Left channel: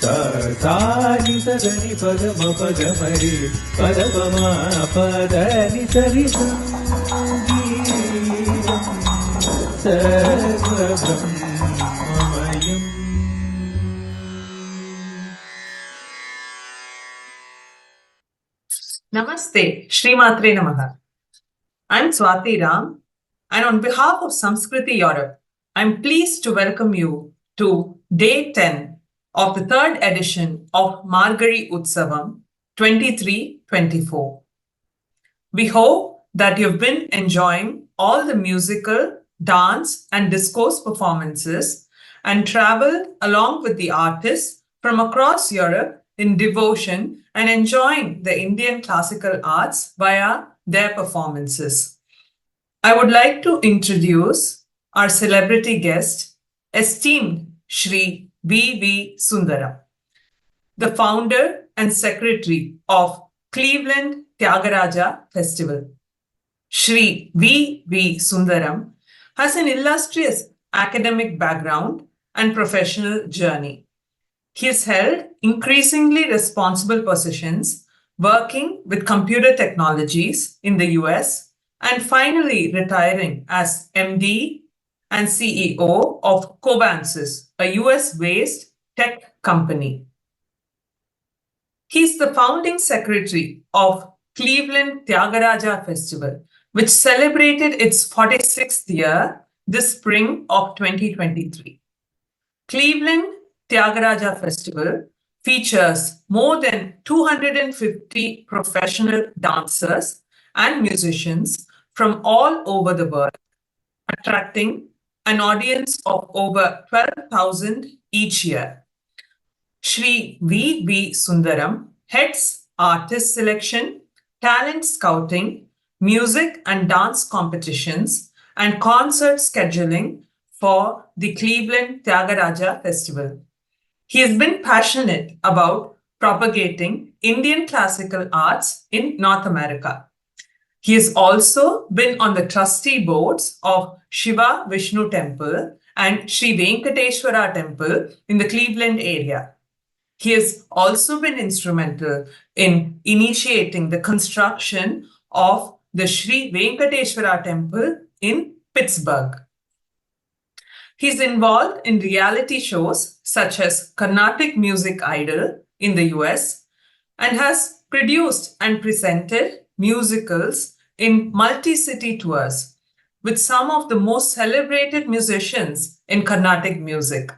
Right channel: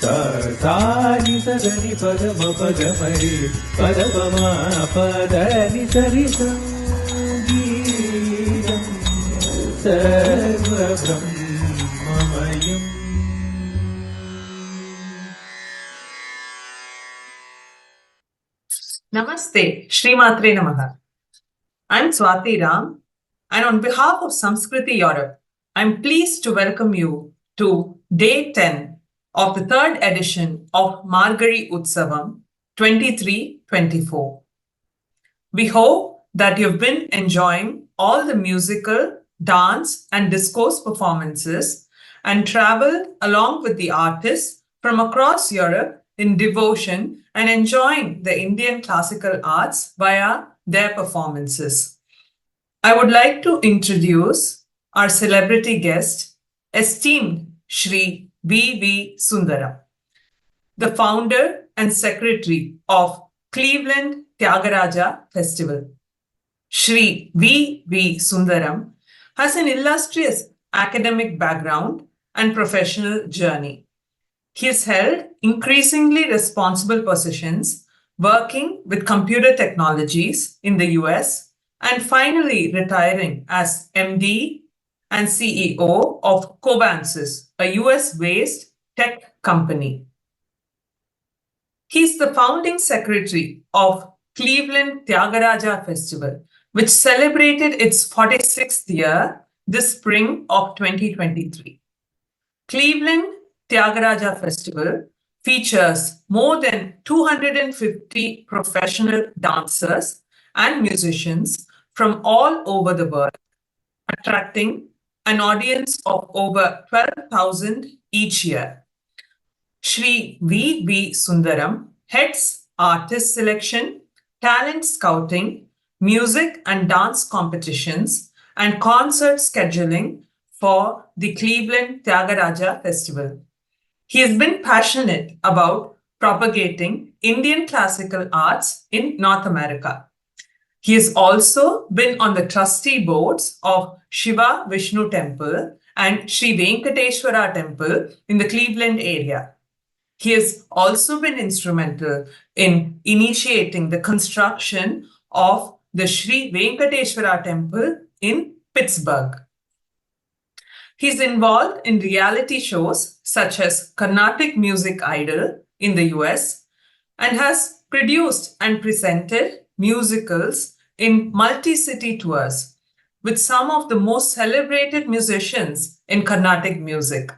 Sani Sagani Padama Pagamari Padama Padani Sari Sangeetam Sarva Brahmamayam. Namaste, Shri Matre Namaha. I'm Swathi Ram, and on behalf of Samskriti Europe, I'm pleased to welcome you to Day 10 of the third edition of Margazhi Utsavam 23-24. We hope that you've been enjoying all the musical, dance, and discourse performances and traveled along with the artists from across Europe in devotion and enjoying the Indian classical arts via their performances. I would like to introduce our celebrity guest, esteemed Shri V. Sundaram, the founder and secretary of Cleveland Thyagaraja Festival. Shri V. Sundaram has an illustrious academic background and professional journey. He has held increasingly responsible positions working with computer technologies in the US and finally retiring as MD and CEO of Cobansis, a US-based tech company. He's the founding secretary of Cleveland Thyagaraja Festival, which celebrated its 46th year this spring of 2023. Cleveland Thyagaraja Festival features more than 250 professional dancers and musicians from all over the world, attracting an audience of over 12,000 each year. Shri V. Sundaram heads artist selection, talent scouting, music and dance competitions, and concert scheduling for the Cleveland Thyagaraja Festival. He has been passionate about propagating Indian classical arts in North America. He has also been on the trustee boards of Shiva Vishnu Temple and Sri Venkateshwara Temple in the Cleveland area. He has also been instrumental in initiating the construction of the Sri Venkateshwara Temple in Pittsburgh. He's involved in reality shows such as Carnatic Music Idol in the US and has produced and presented musicals in multi-city tours with some of the most celebrated musicians in Carnatic music.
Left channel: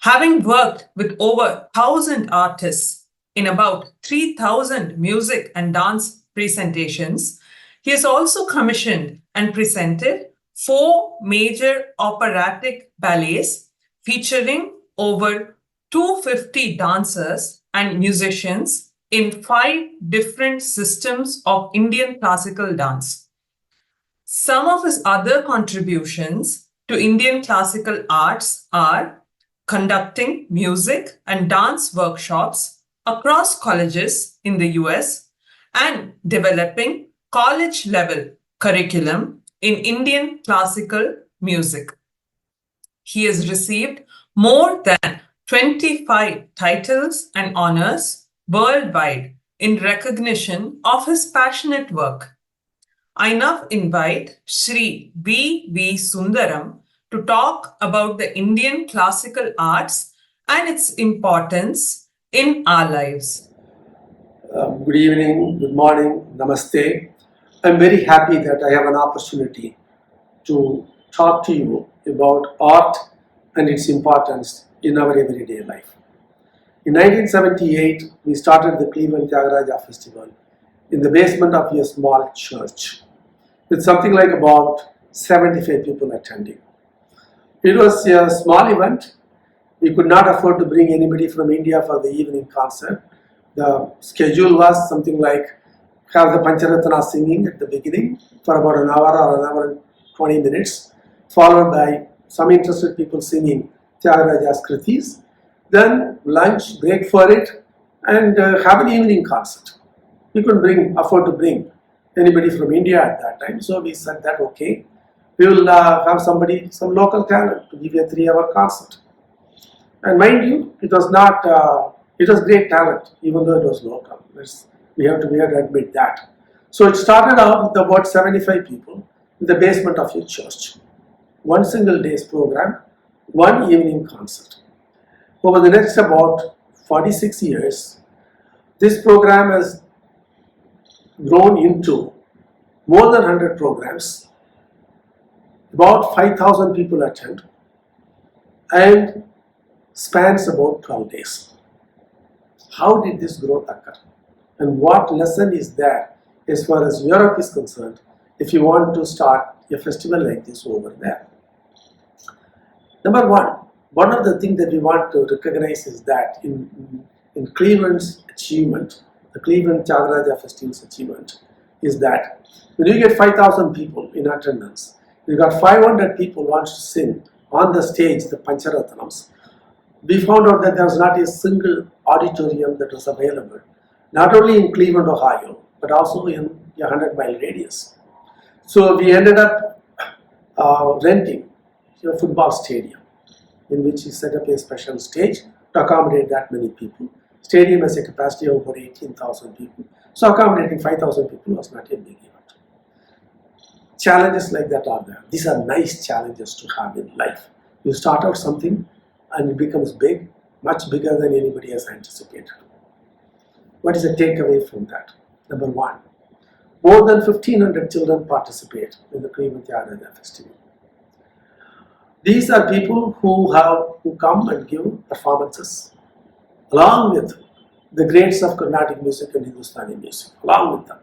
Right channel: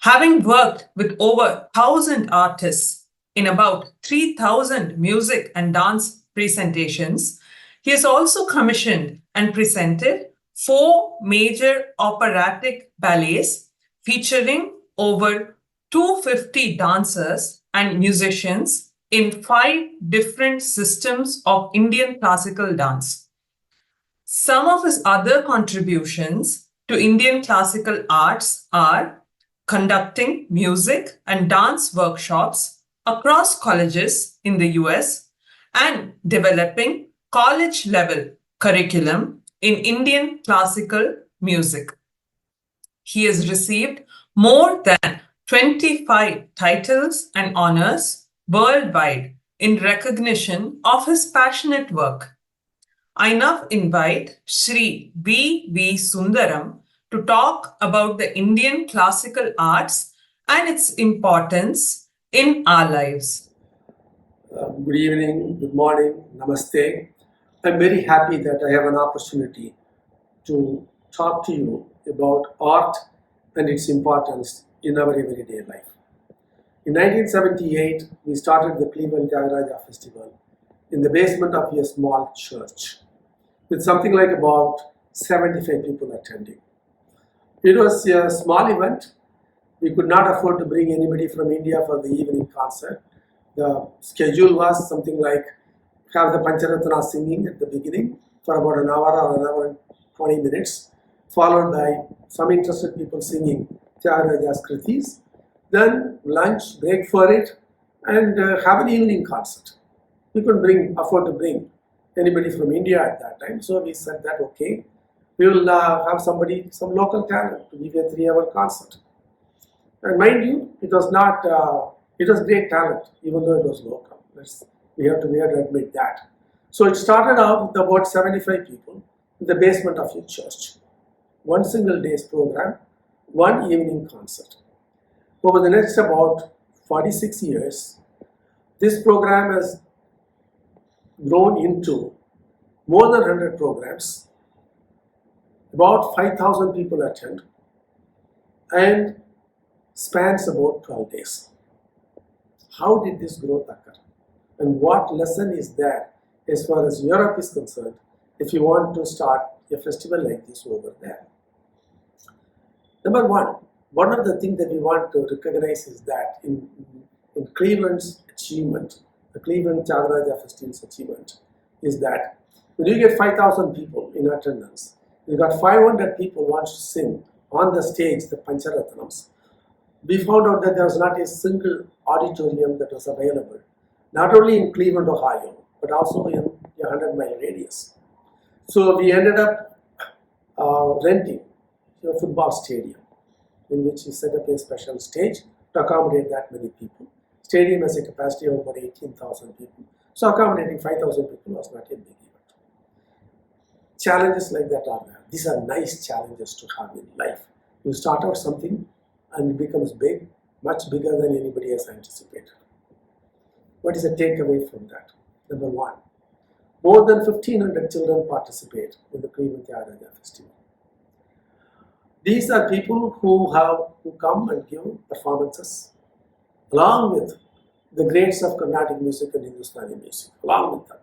Having worked with over 1,000 artists in about 3,000 music and dance presentations, he has also commissioned and presented 4 major operatic ballets featuring over 250 dancers and musicians in 5 different systems of Indian classical dance. Some of his other contributions to Indian classical arts are conducting music and dance workshops across colleges in the US and developing college-level curriculum in Indian classical music. He has received more than 25 titles and honors worldwide in recognition of his passionate work. I now invite Shri V. Sundaram to talk about the Indian classical arts and its importance in our lives. Good evening, good morning, namaste. I'm very happy that I have an opportunity to talk to you about art and its importance in our everyday life. In 1978, we started the Cleveland Thyagaraja Festival in the basement of a small church with something like about 75 people attending. It was a small event. We could not afford to bring anybody from India for the evening concert. The schedule was something like have the Pancharatana singing at the beginning for about an hour or an hour and 20 minutes, followed by some interested people singing Thyagaraja's Kritis, then lunch, break for it, and have an evening concert. We couldn't afford to bring anybody from India at that time, so we said that okay, we will have some local talent to give a 3-hour concert. And mind you, it was not, it was great talent, even though it was local. We have to admit that. So it started out with about 75 people in the basement of your church. One single day's program, one evening concert. Over the next about 46 years, this program has grown into more than 100 programs. About 5,000 people attend and spans about 12 days. How did this growth occur? And what lesson is there as far as Europe is concerned if you want to start a festival like this over there? Number one of the things that we want to recognize is that in Cleveland's achievement, the Cleveland Thyagaraja Festival's achievement, is that when you get 5,000 people in attendance, you got 500 people wants to sing on the stage the Pancharatnams. We found out that there was not a single auditorium that was available, not only in Cleveland, Ohio, but also in a 100-mile radius. So we ended up renting a football stadium in which we set up a special stage to accommodate that many people. Stadium has a capacity of over 18,000 people. So accommodating 5,000 people was not a big event. Challenges like that are there. These are nice challenges to have in life. You start out something and it becomes big, much bigger than anybody has anticipated. What is the takeaway from that? Number one, more than 1,500 children participate in the Cleveland Thyagaraja Festival. These are people who come and give performances along with the greats of Carnatic music and Hindustani music, along with them.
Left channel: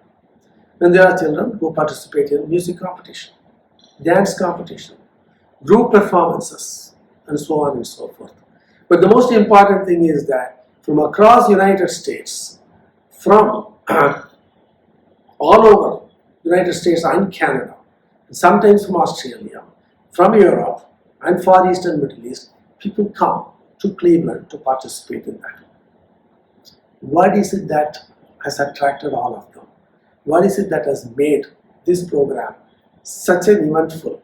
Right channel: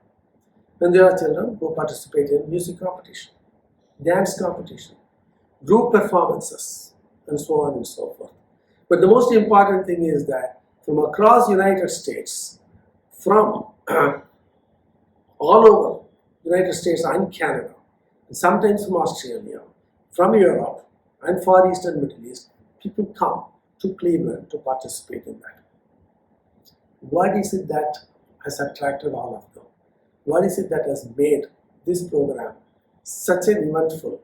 And there are children who participate in music competition, dance competition, group performances, and so on and so forth. But the most important thing is that from across the United States, from all over United States and Canada, and sometimes from Australia, from Europe, and Far East and Middle East, people come to Cleveland to participate in that. What is it that has attracted all of them? What is it that has made this program such an eventful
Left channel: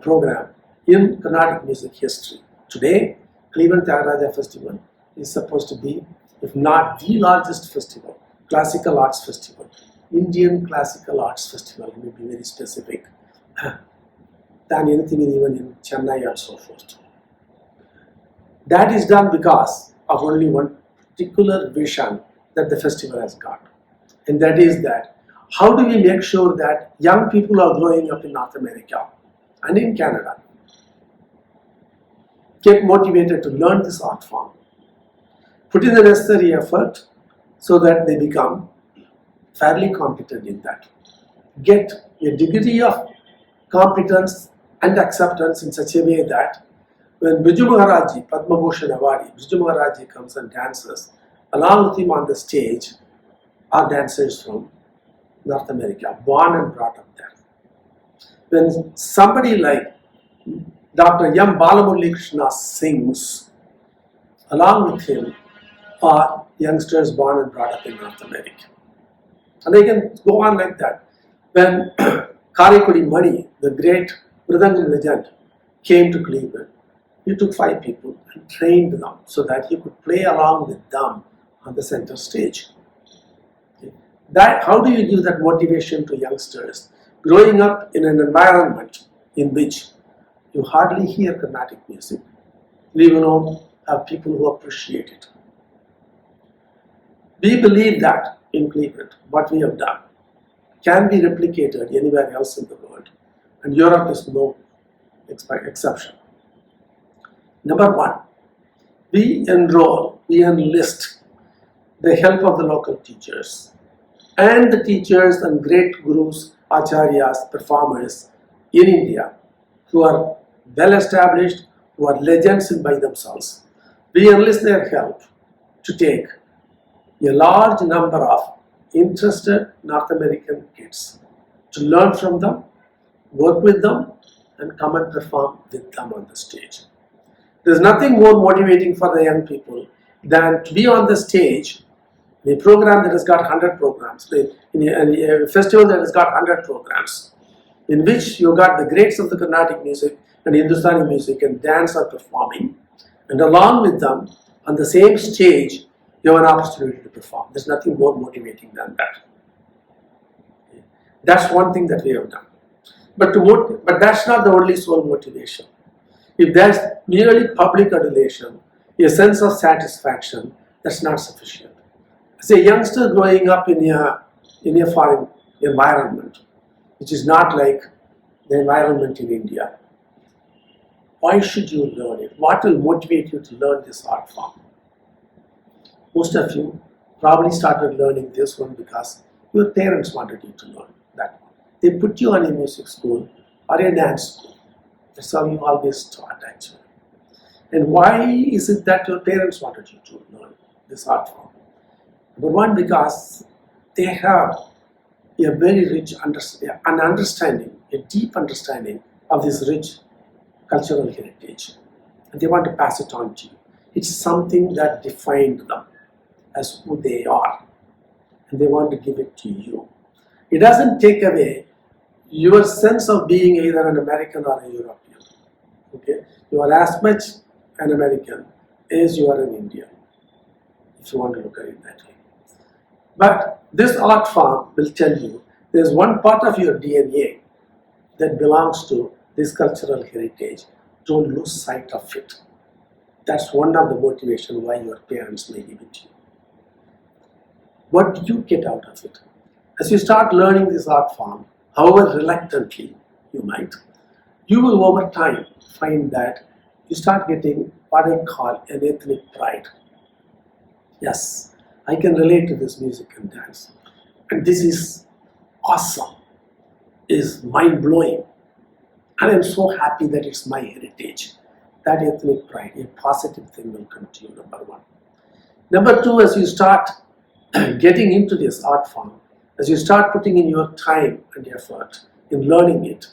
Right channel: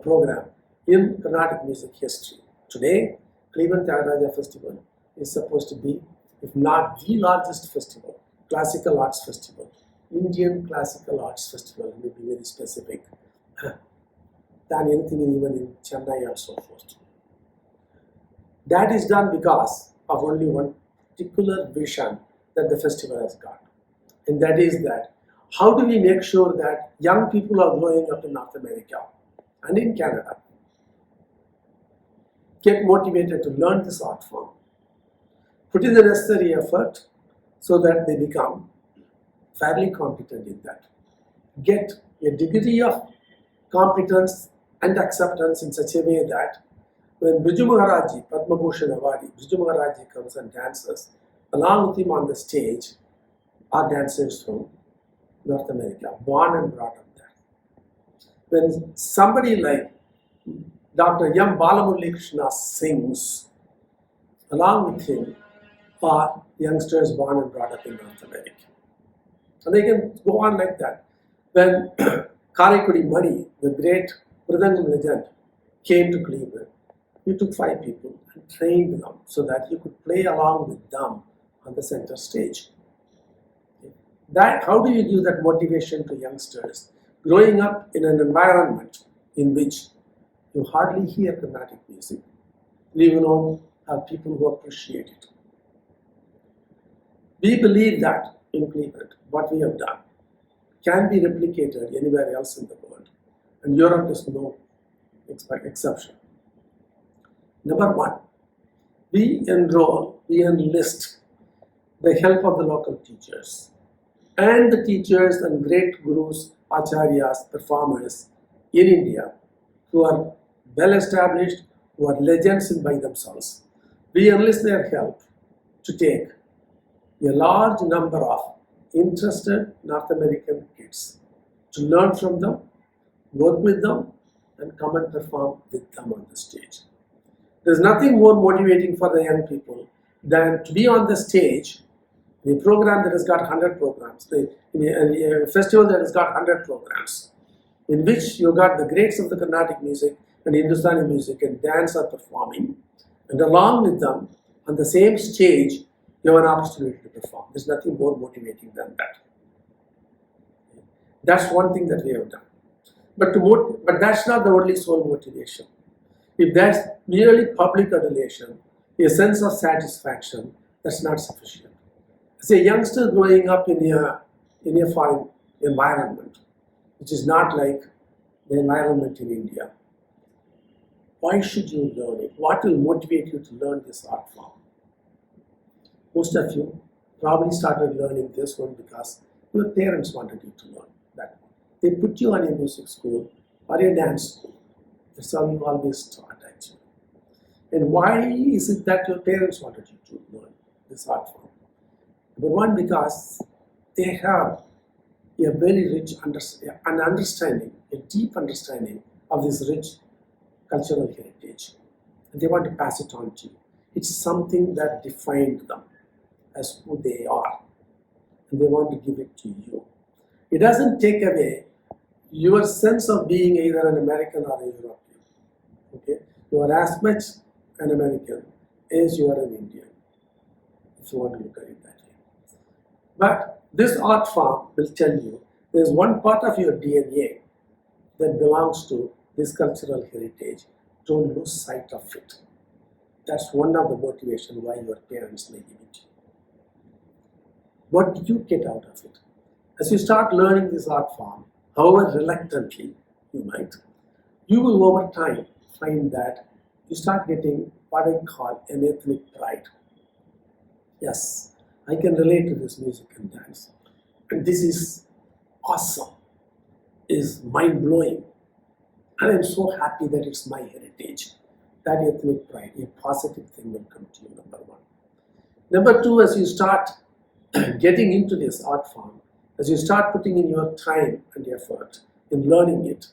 program in Carnatic music history? Today, Cleveland Thyagaraja Festival is supposed to be, if not the largest festival, classical arts festival, Indian classical arts festival, to be very specific, than anything even in Chennai and so forth. That is done because of only one particular vision that the festival has got. And that is that, how do we make sure that young people are growing up in North America and in Canada get motivated to learn this art form, put in the necessary effort so that they become fairly competent in that, get a degree of competence and acceptance in such a way that when Briju Maharaji, Padma Bhushan Awadi, Briju Maharaji comes and dances, along with him on the stage are dancers from North America, born and brought up there. When somebody like Dr. M. Balamurali Krishna sings, along with him are youngsters born and brought up in North America. And they can go on like that. When Karikudi Mani, the great Mridangam legend, came to Cleveland, he took 5 people and trained them so that he could play along with them on the center stage. That, how do you give that motivation to youngsters growing up in an environment in which you hardly hear Carnatic music, leave alone have people who appreciate it? We believe that in Cleveland, what we have done can be replicated anywhere else in the world, and Europe is no exception. Number one, we enlist the help of the local teachers and the teachers and great gurus, acharyas, performers in India who are well established, who are legends by themselves. We enlist their help to take a large number of interested North American kids to learn from them, work with them, and come and perform with them on the stage. There's nothing more motivating for the young people than to be on the stage in a program that has got 100 programs, in a festival that has got 100 programs, in which you got the greats of the Carnatic music and Hindustani music and dance are performing, And along with them, on the same stage, you have an opportunity to perform. There's nothing more motivating than that. That's one thing that we have done. But that's not the only sole motivation. If there's merely public adulation, a sense of satisfaction, that's not sufficient. As a youngster growing up in a foreign environment, which is not like the environment in India, why should you learn it? What will motivate you to learn this art form? Most of you probably started learning this one because your parents wanted you to learn that one. They put you on a music school or a dance school. That's how you always taught, actually. And why is it that your parents wanted you to learn this art form? Number one, because they have a very rich understanding, a deep understanding of this rich cultural heritage. And they want to pass it on to you. It's something that defined them as who they are. And they want to give it to you. It doesn't take away your sense of being either an American or a European. Okay? You are as much an American as you are an Indian, if you want to look at it that way. But this art form will tell you there's one part of your DNA that belongs to this cultural heritage. Don't lose sight of it. That's one of the motivations why your parents may give it to you. What do you get out of it? As you start learning this art form, however reluctantly you might, you will over time find that you start getting what I call an ethnic pride. Yes, I can relate to this music and dance. And this is awesome, is mind-blowing. And I'm so happy that it's my heritage. That ethnic pride, a positive thing will come to you, number one. Number two, as you start getting into this art form, as you start putting in your time and effort in learning it,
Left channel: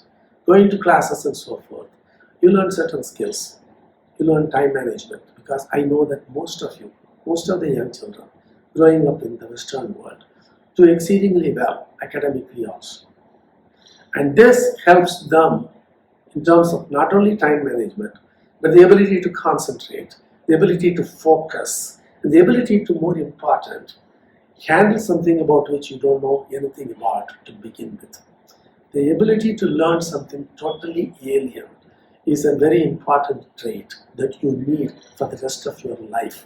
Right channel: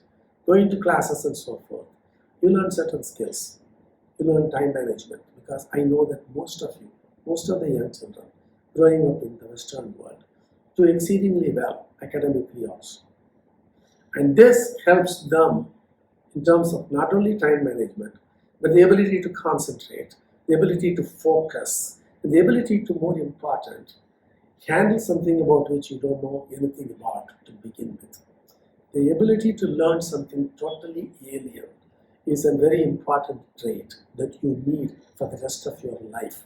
going to classes and so forth, you learn certain skills. You learn time management, because I know that most of the young children growing up in the Western world do exceedingly well academically also. And this helps them in terms of not only time management, but the ability to concentrate, the ability to focus, and the ability to, more important, handle something about which you don't know anything about to begin with. The ability to learn something totally alien is a very important trait that you need for the rest of your life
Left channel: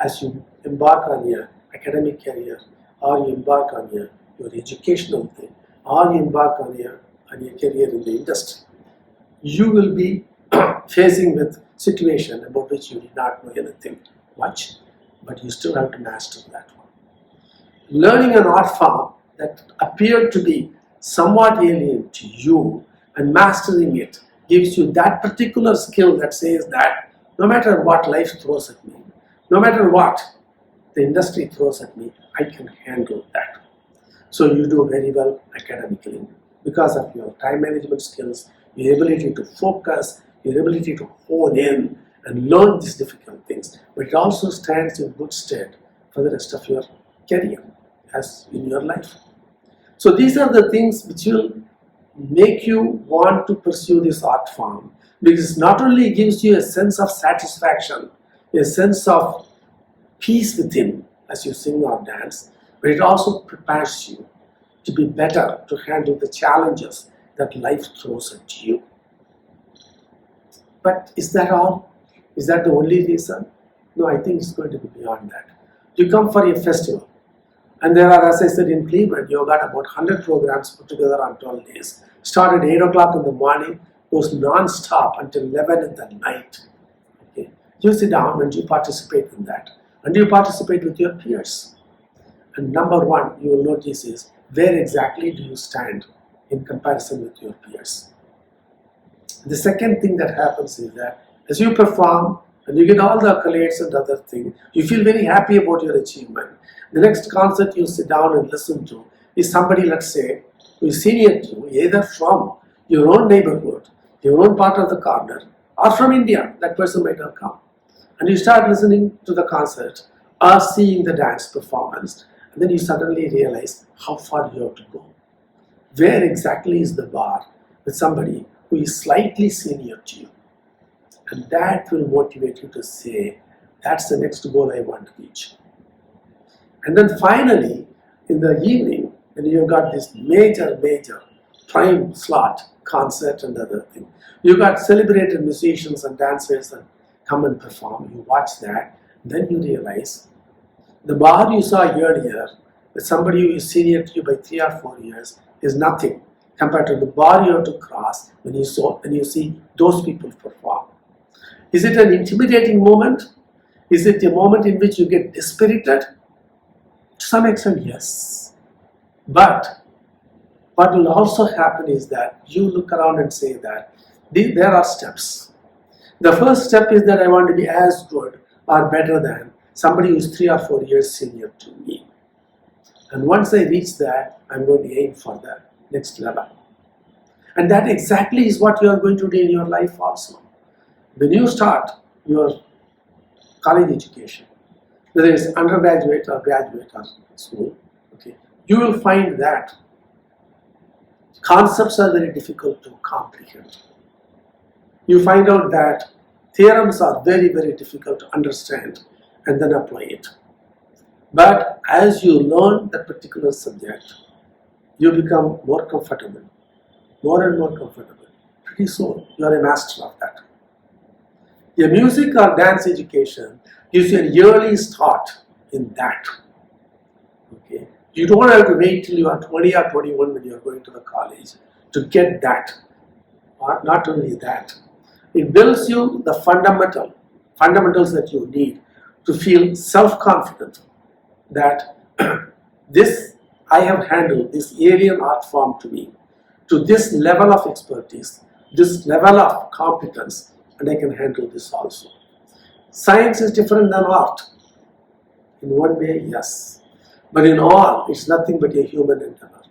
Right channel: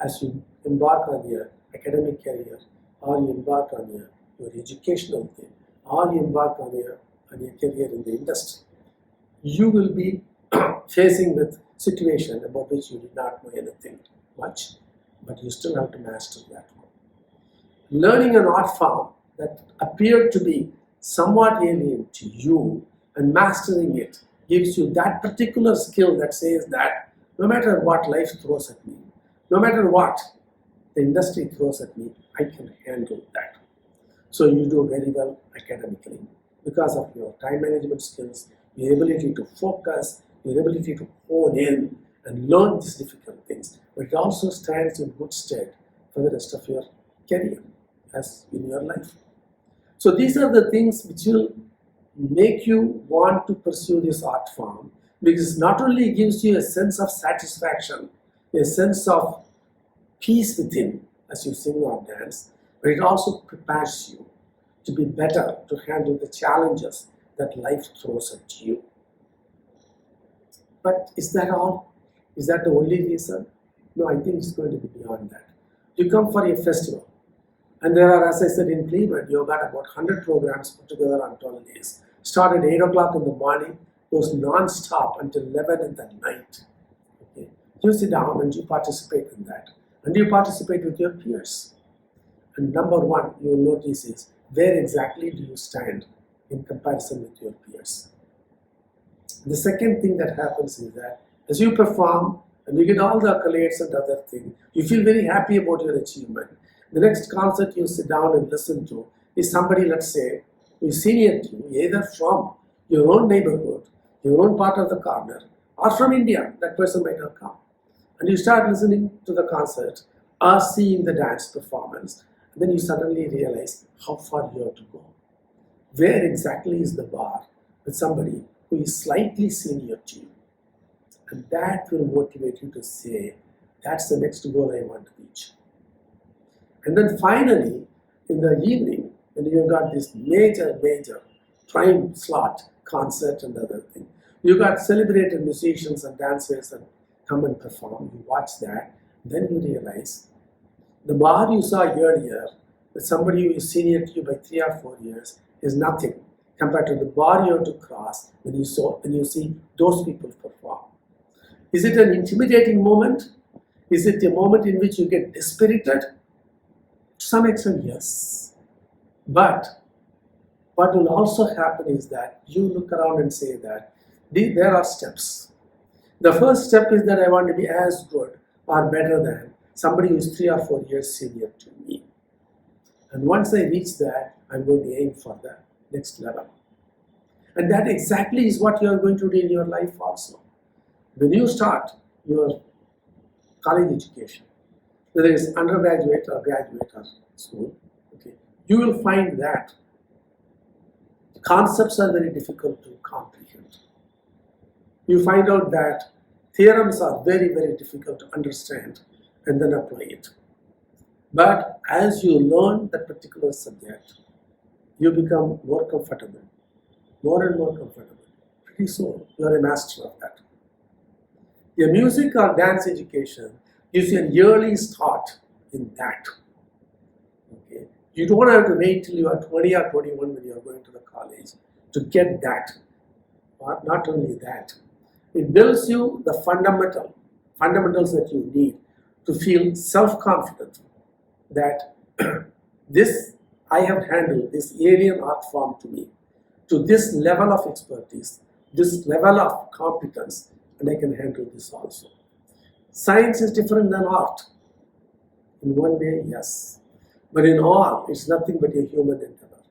as you embark on your academic career, or you embark on your educational thing, or you embark on your career in the industry. You will be facing with situation about which you did not know anything much, but you still have to master that one. Learning an art form that appeared to be somewhat alien to you and mastering it gives you that particular skill that says that no matter what life throws at me, no matter what the industry throws at me, I can handle that. So you do very well academically because of your time management skills, your ability to focus, your ability to hone in and learn these difficult things. But it also stands in good stead for the rest of your career as in your life. So these are the things which will make you want to pursue this art form, because not only gives you a sense of satisfaction, a sense of peace within as you sing or dance, but it also prepares you to be better to handle the challenges that life throws at you. But is that all? Is that the only reason? No, I think it's going to be beyond that. You come for a festival, and there are, as I said, in Cleveland, you've got about 100 programs put together on 12 days. Start at 8 o'clock in the morning, goes non-stop until 11 in the night. Okay. You sit down and you participate in that. And you participate with your peers. And number one, you will notice is, where exactly do you stand in comparison with your peers? The second thing that happens is that as you perform and you get all the accolades and other things, you feel very happy about your achievement. The next concert you sit down and listen to is somebody, let's say, who is senior to you, either from your own neighborhood, your own part of the corner, or from India. That person might have come. And you start listening to the concert or seeing the dance performance, and then you suddenly realize how far you have to go. Where exactly is the bar with somebody who is slightly senior to you? And that will motivate you to say, that's the next goal I want to reach. And then finally, in the evening, when you've got this major prime slot concert and other thing, you got celebrated musicians and dancers and come and perform. You watch that, then you realize the bar you saw earlier with somebody who is senior to you by 3 or 4 years is nothing compared to the bar you have to cross when you see those people perform. Is it an intimidating moment? Is it a moment in which you get dispirited? To some extent, yes. But what will also happen is that you look around and say that there are steps. The first step is that I want to be as good or better than somebody who is 3 or 4 years senior to me. And once I reach that, I'm going to aim for the next level. And that exactly is what you are going to do in your life also. When you start your college education, whether it's undergraduate or graduate or school, okay, you will find that concepts are very difficult to comprehend. You find out that theorems are very difficult to understand and then apply it. But as you learn that particular subject, you become more comfortable, more and more comfortable. Pretty soon, you are a master of that. A music or dance education gives you an early start in that. Okay? You don't have to wait till you are 20 or 21 when you are going to the college to get that. Or not only that, it builds you the fundamentals that you need to feel self-confident that this I have handled this alien art form to me to this level of expertise, this level of competence, and I can handle this also. Science is different than art. In one way, yes. But in all, it's nothing but a human endeavor.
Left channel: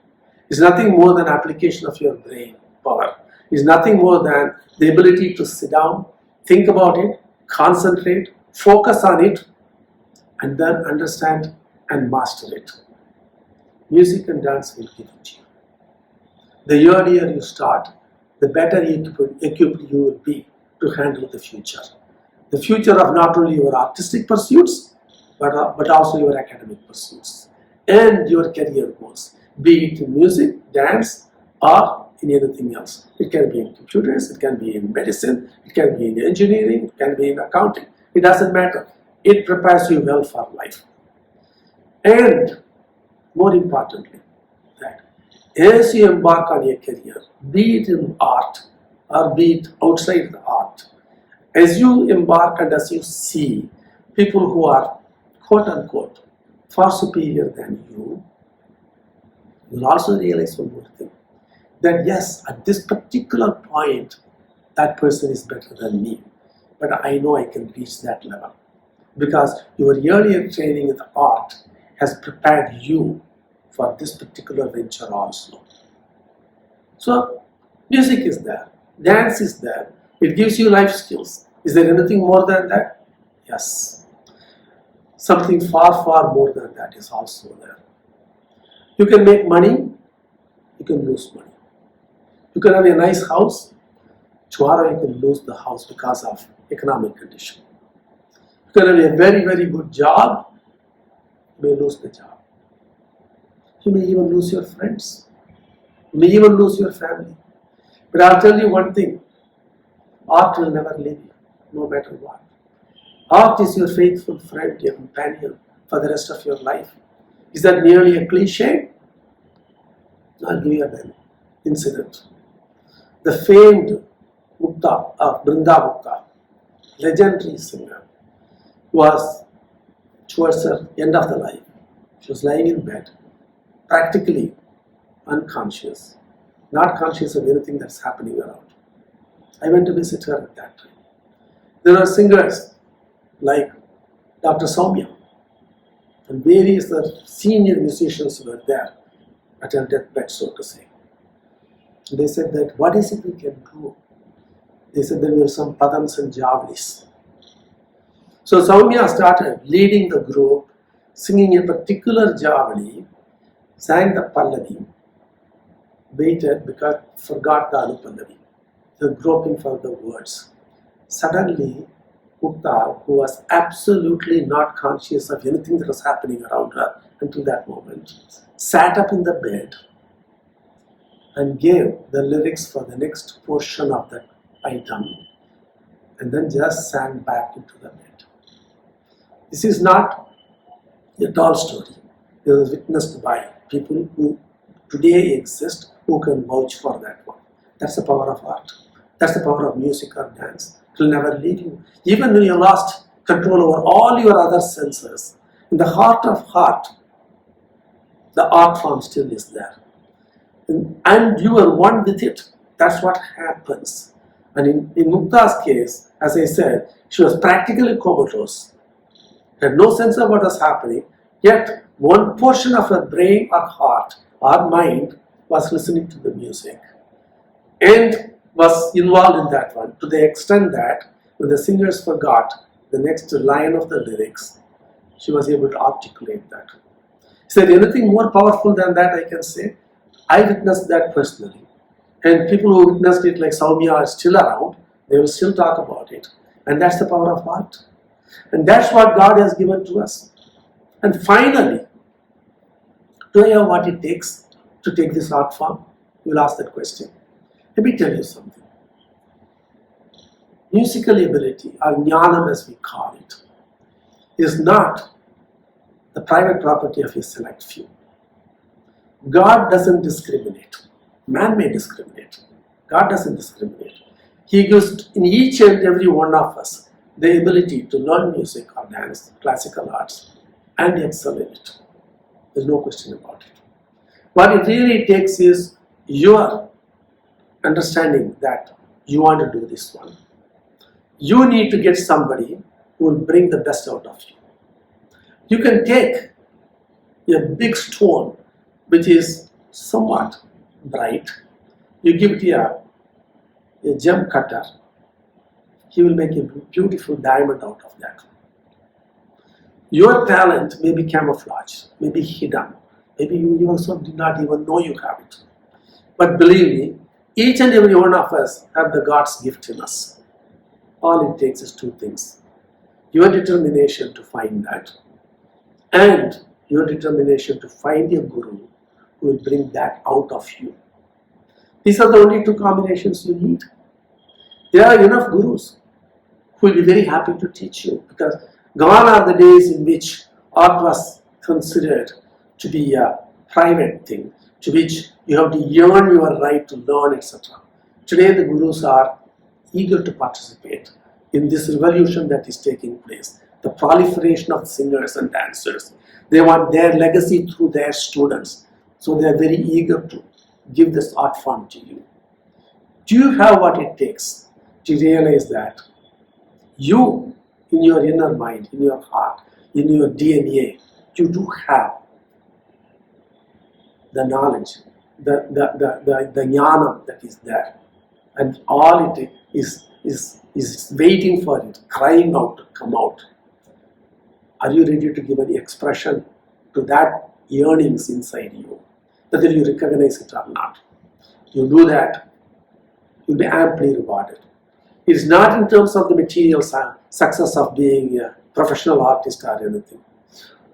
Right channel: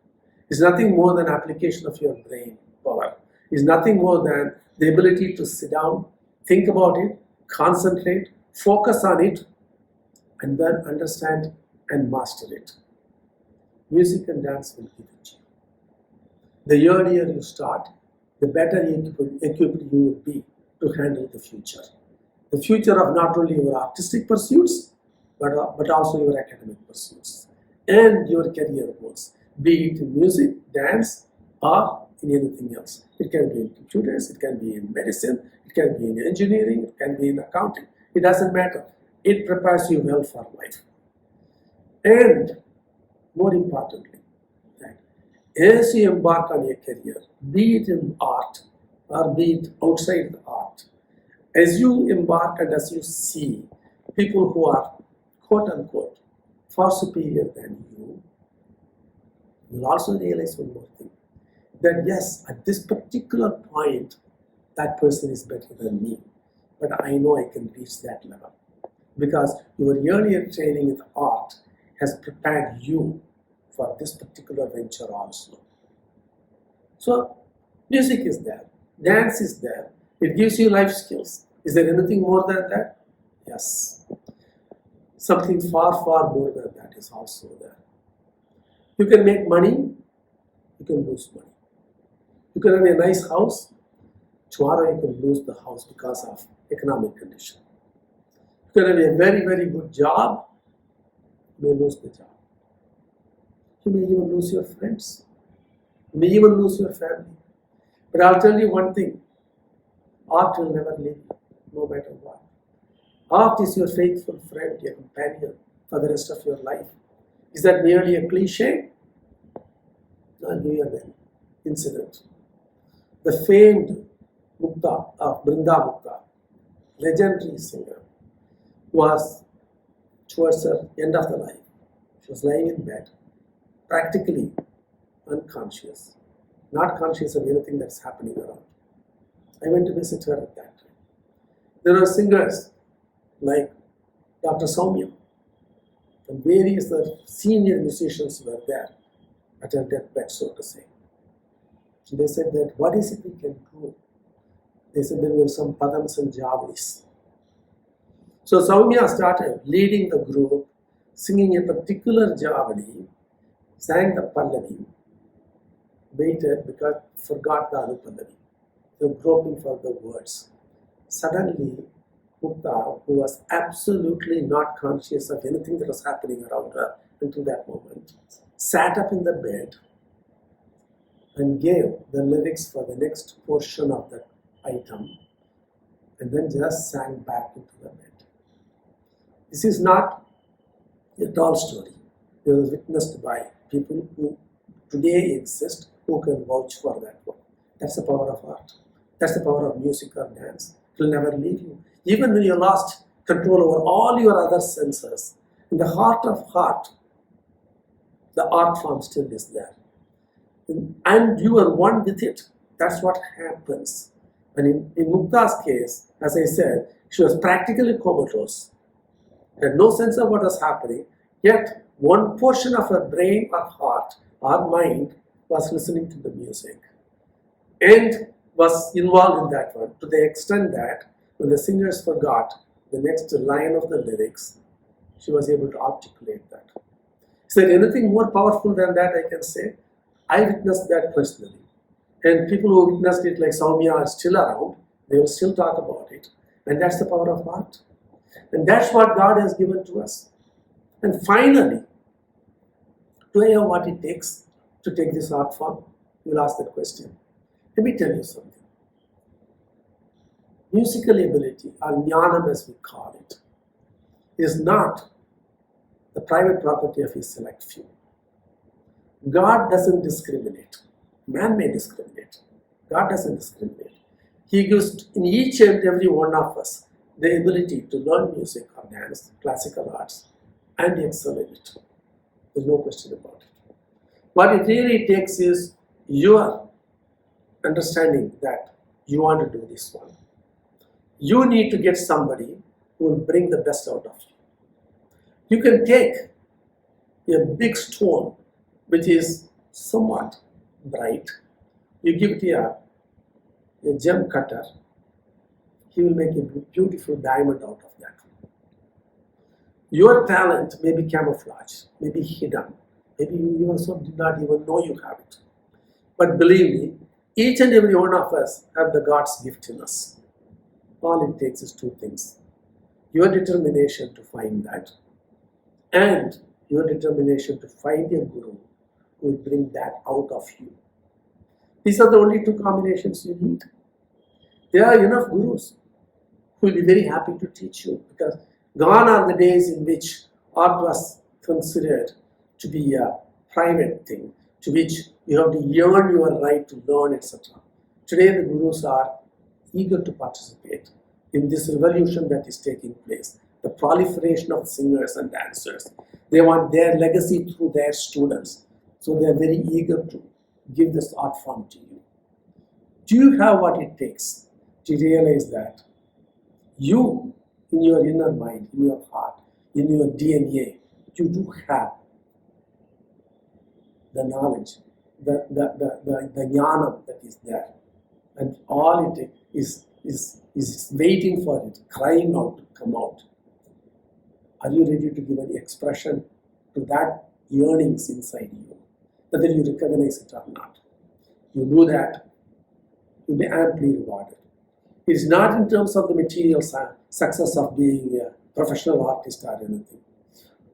It's nothing more than application of your brain power. It's nothing more than the ability to sit down, think about it, concentrate, focus on it, and then understand and master it. Music and dance will give it to you. The earlier you start, the better equipped you will be to handle the future. The future of not only your artistic pursuits, but also your academic pursuits and your career goals, be it in music, dance, or in anything else. It can be in computers, it can be in medicine, it can be in engineering, it can be in accounting. It doesn't matter. It prepares you well for life. And more importantly, that as you embark on your career, be it in art or be it outside the art, as you embark and as you see people who are quote unquote far superior than you, you'll also realize one more thing, that yes, at this particular point, that person is better than me, but I know I can reach that level because your earlier training in the art has prepared you for this particular venture also. So, music is there, dance is there, it gives you life skills. Is there anything more than that? Yes. Something far more than that is also there. You can make money, you can lose money. You can have a nice house, tomorrow you can lose the house because of economic condition. You can have a very good job, you may lose the job. You may even lose your friends. You may even lose your family. But I'll tell you one thing, art will never leave you, no matter what. Art is your faithful friend, your companion for the rest of your life. Is that merely a cliche? I'll give you an incident. The famed Mukta of Brinda Mukta, legendary singer, was towards her end of the life. She was lying in bed, practically unconscious, not conscious of anything that's happening around. I went to visit her at that time. There are singers like Dr. Soumya and various other senior musicians were there at her deathbed, so to say. They said that, what is it we can do? They said there were some padams and javalis. So Soumya started leading the group, singing a particular javali, sang the pallavi, waited because forgot the anupallavi, the groping for the words, Suddenly, Mukta, who was absolutely not conscious of anything that was happening around her until that moment, sat up in the bed and gave the lyrics for the next portion of that item and then just sank back into the bed. This is not a tall story. It was witnessed by people who today exist who can vouch for that one. That's the power of art. That's the power of music or dance. It will never leave you. Even when you lost control over all your other senses, in the heart of heart, the art form still is there. And you are one with it. That's what happens. And in Mukta's case, as I said, she was practically comatose. Had no sense of what was happening, yet one portion of her brain or heart or mind was listening to the music and was involved in that one to the extent that when the singers forgot the next line of the lyrics, she was able to articulate that. Is there anything more powerful than that I can say? I witnessed that personally. And people who witnessed it like Saumya are still around. They will still talk about it. And that's the power of art. And that's what God has given to us. And finally, do I have what it takes to take this art form? You will ask that question. Let me tell you something. Musical ability, or jnanam as we call it, is not the private property of a select few. God doesn't discriminate. Man may discriminate. God doesn't discriminate. He gives in each and every one of us the ability to learn music or dance, classical arts, and excel in it. There's no question about it. What it really takes is your understanding that you want to do this one. You need to get somebody who will bring the best out of you. You can take a big stone which is somewhat bright, you give it a gem cutter, he will make a beautiful diamond out of that. Your talent may be camouflaged, may be hidden, maybe you also did not even know you have it. But believe me, each and every one of us have the God's gift in us. All it takes is two things. Your determination to find that, and your determination to find a guru who will bring that out of you. These are the only two combinations you need. There are enough gurus who will be very happy to teach you, because gone are the days in which art was considered to be a private thing, to which you have to earn your right to learn, etc. Today the gurus are eager to participate in this revolution that is taking place, the proliferation of singers and dancers. They want their legacy through their students, so they are very eager to give this art form to you. Do you have what it takes to realize that you, in your inner mind, in your heart, in your DNA, you do have the knowledge, the jnanam that is there, and all it is waiting for it, crying out to come out. Are you ready to give an expression to that yearnings inside you, whether you recognize it or not? You do that, you'll be amply rewarded. It's not in terms of the material success of being a professional artist or anything.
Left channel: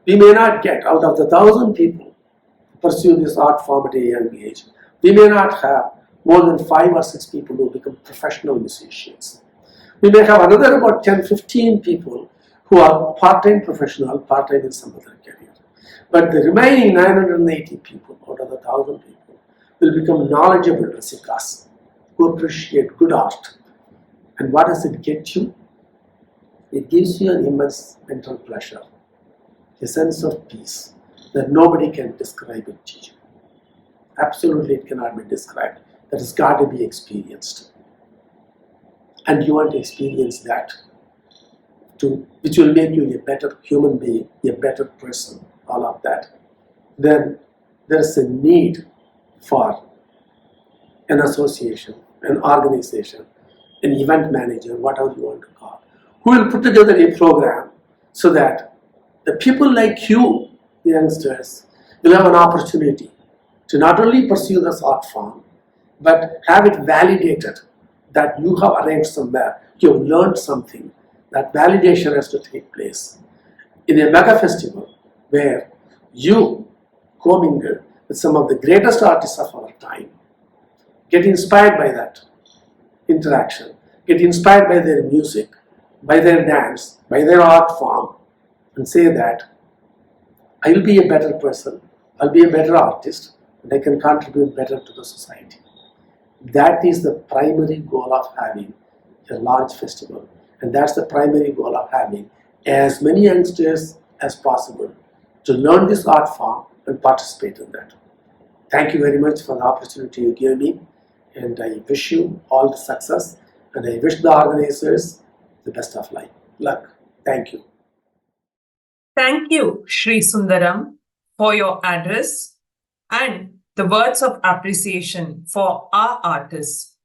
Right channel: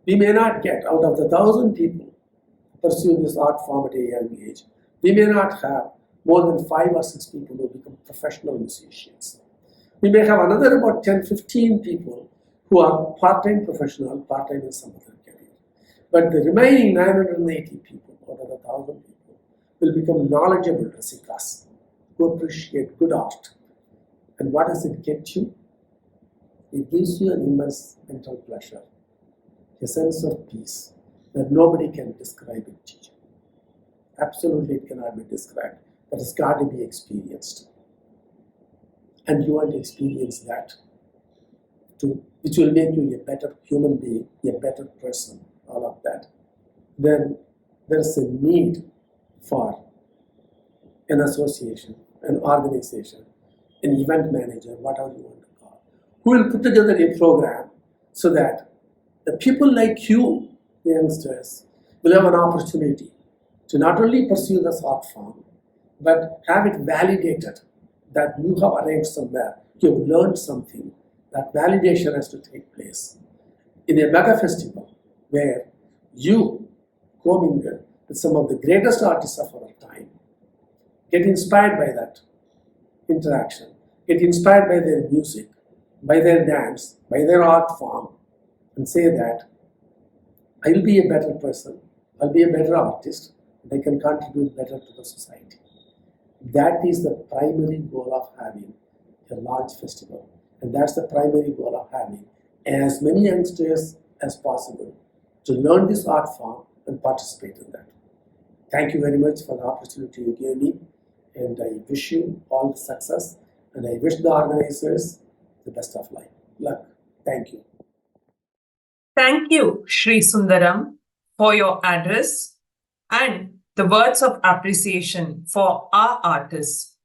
We may not get, out of the 1,000 people pursue this art form at a young age, we may not have more than 5 or 6 people who become professional musicians. We may have another about 10, 15 people who are part-time professional, part-time in some other career. But the remaining 980 people out of the 1,000 people will become knowledgeable rasikas who appreciate good art. And what does it get you? It gives you an immense mental pleasure, a sense of peace that nobody can describe it to you. Absolutely, it cannot be described. That has got to be experienced. And you want to experience that too, which will make you a better human being, a better person, all of that. Then there is a need for an association, an organization, an event manager, whatever you want to call, who will put together a program so that the people like you, the youngsters, will have an opportunity to not only pursue this art form, but have it validated that you have arranged somewhere you've learned something. That validation has to take place. In a mega festival where you commingle with some of the greatest artists of our time, get inspired by that interaction, get inspired by their music, by their dance, by their art form, and say that I'll be a better person, I'll be a better artist, and I can contribute better to the society. That is the primary goal of having a large festival, and that's the primary goal of having as many youngsters as possible to learn this art form and participate in that. Thank you very much for the opportunity you gave me, and I wish you all the success, and I wish the organizers the best of luck. Thank you. Thank you, Shri Sundaram, for your address and the words of appreciation for our artists.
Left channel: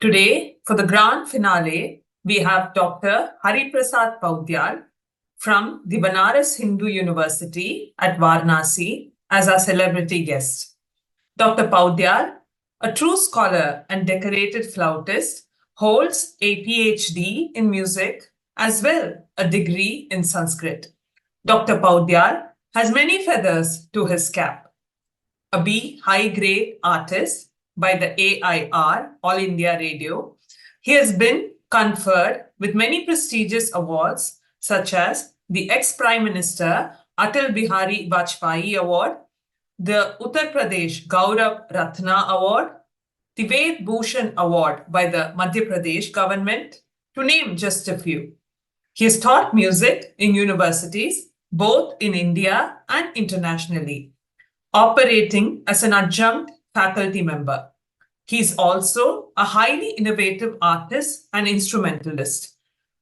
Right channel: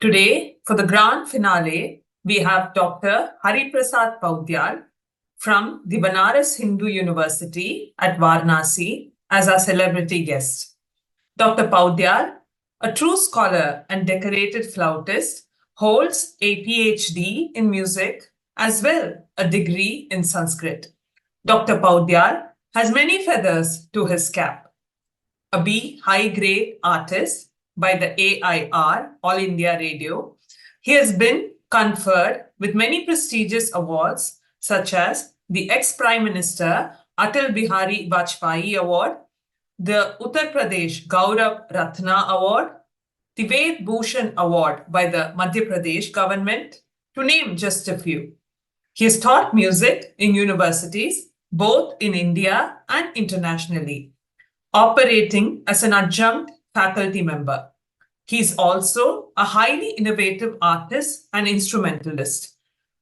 Today, for the grand finale, we have Dr. Hariprasad Paudyal from the Banaras Hindu University at Varanasi as our celebrity guest. Dr. Paudyal, a true scholar and decorated flautist, holds a PhD in music as well a degree in Sanskrit. Dr. Paudyal has many feathers to his cap. A B high-grade artist by the AIR, All India Radio, he has been conferred with many prestigious awards such as the ex-Prime Minister Atal Bihari Vajpayee Award, the Uttar Pradesh Gaurav Ratna Award, the Ved Bhushan Award by the Madhya Pradesh government, to name just a few. He has taught music in universities both in India and internationally, operating as an adjunct faculty member. He is also a highly innovative artist and instrumentalist,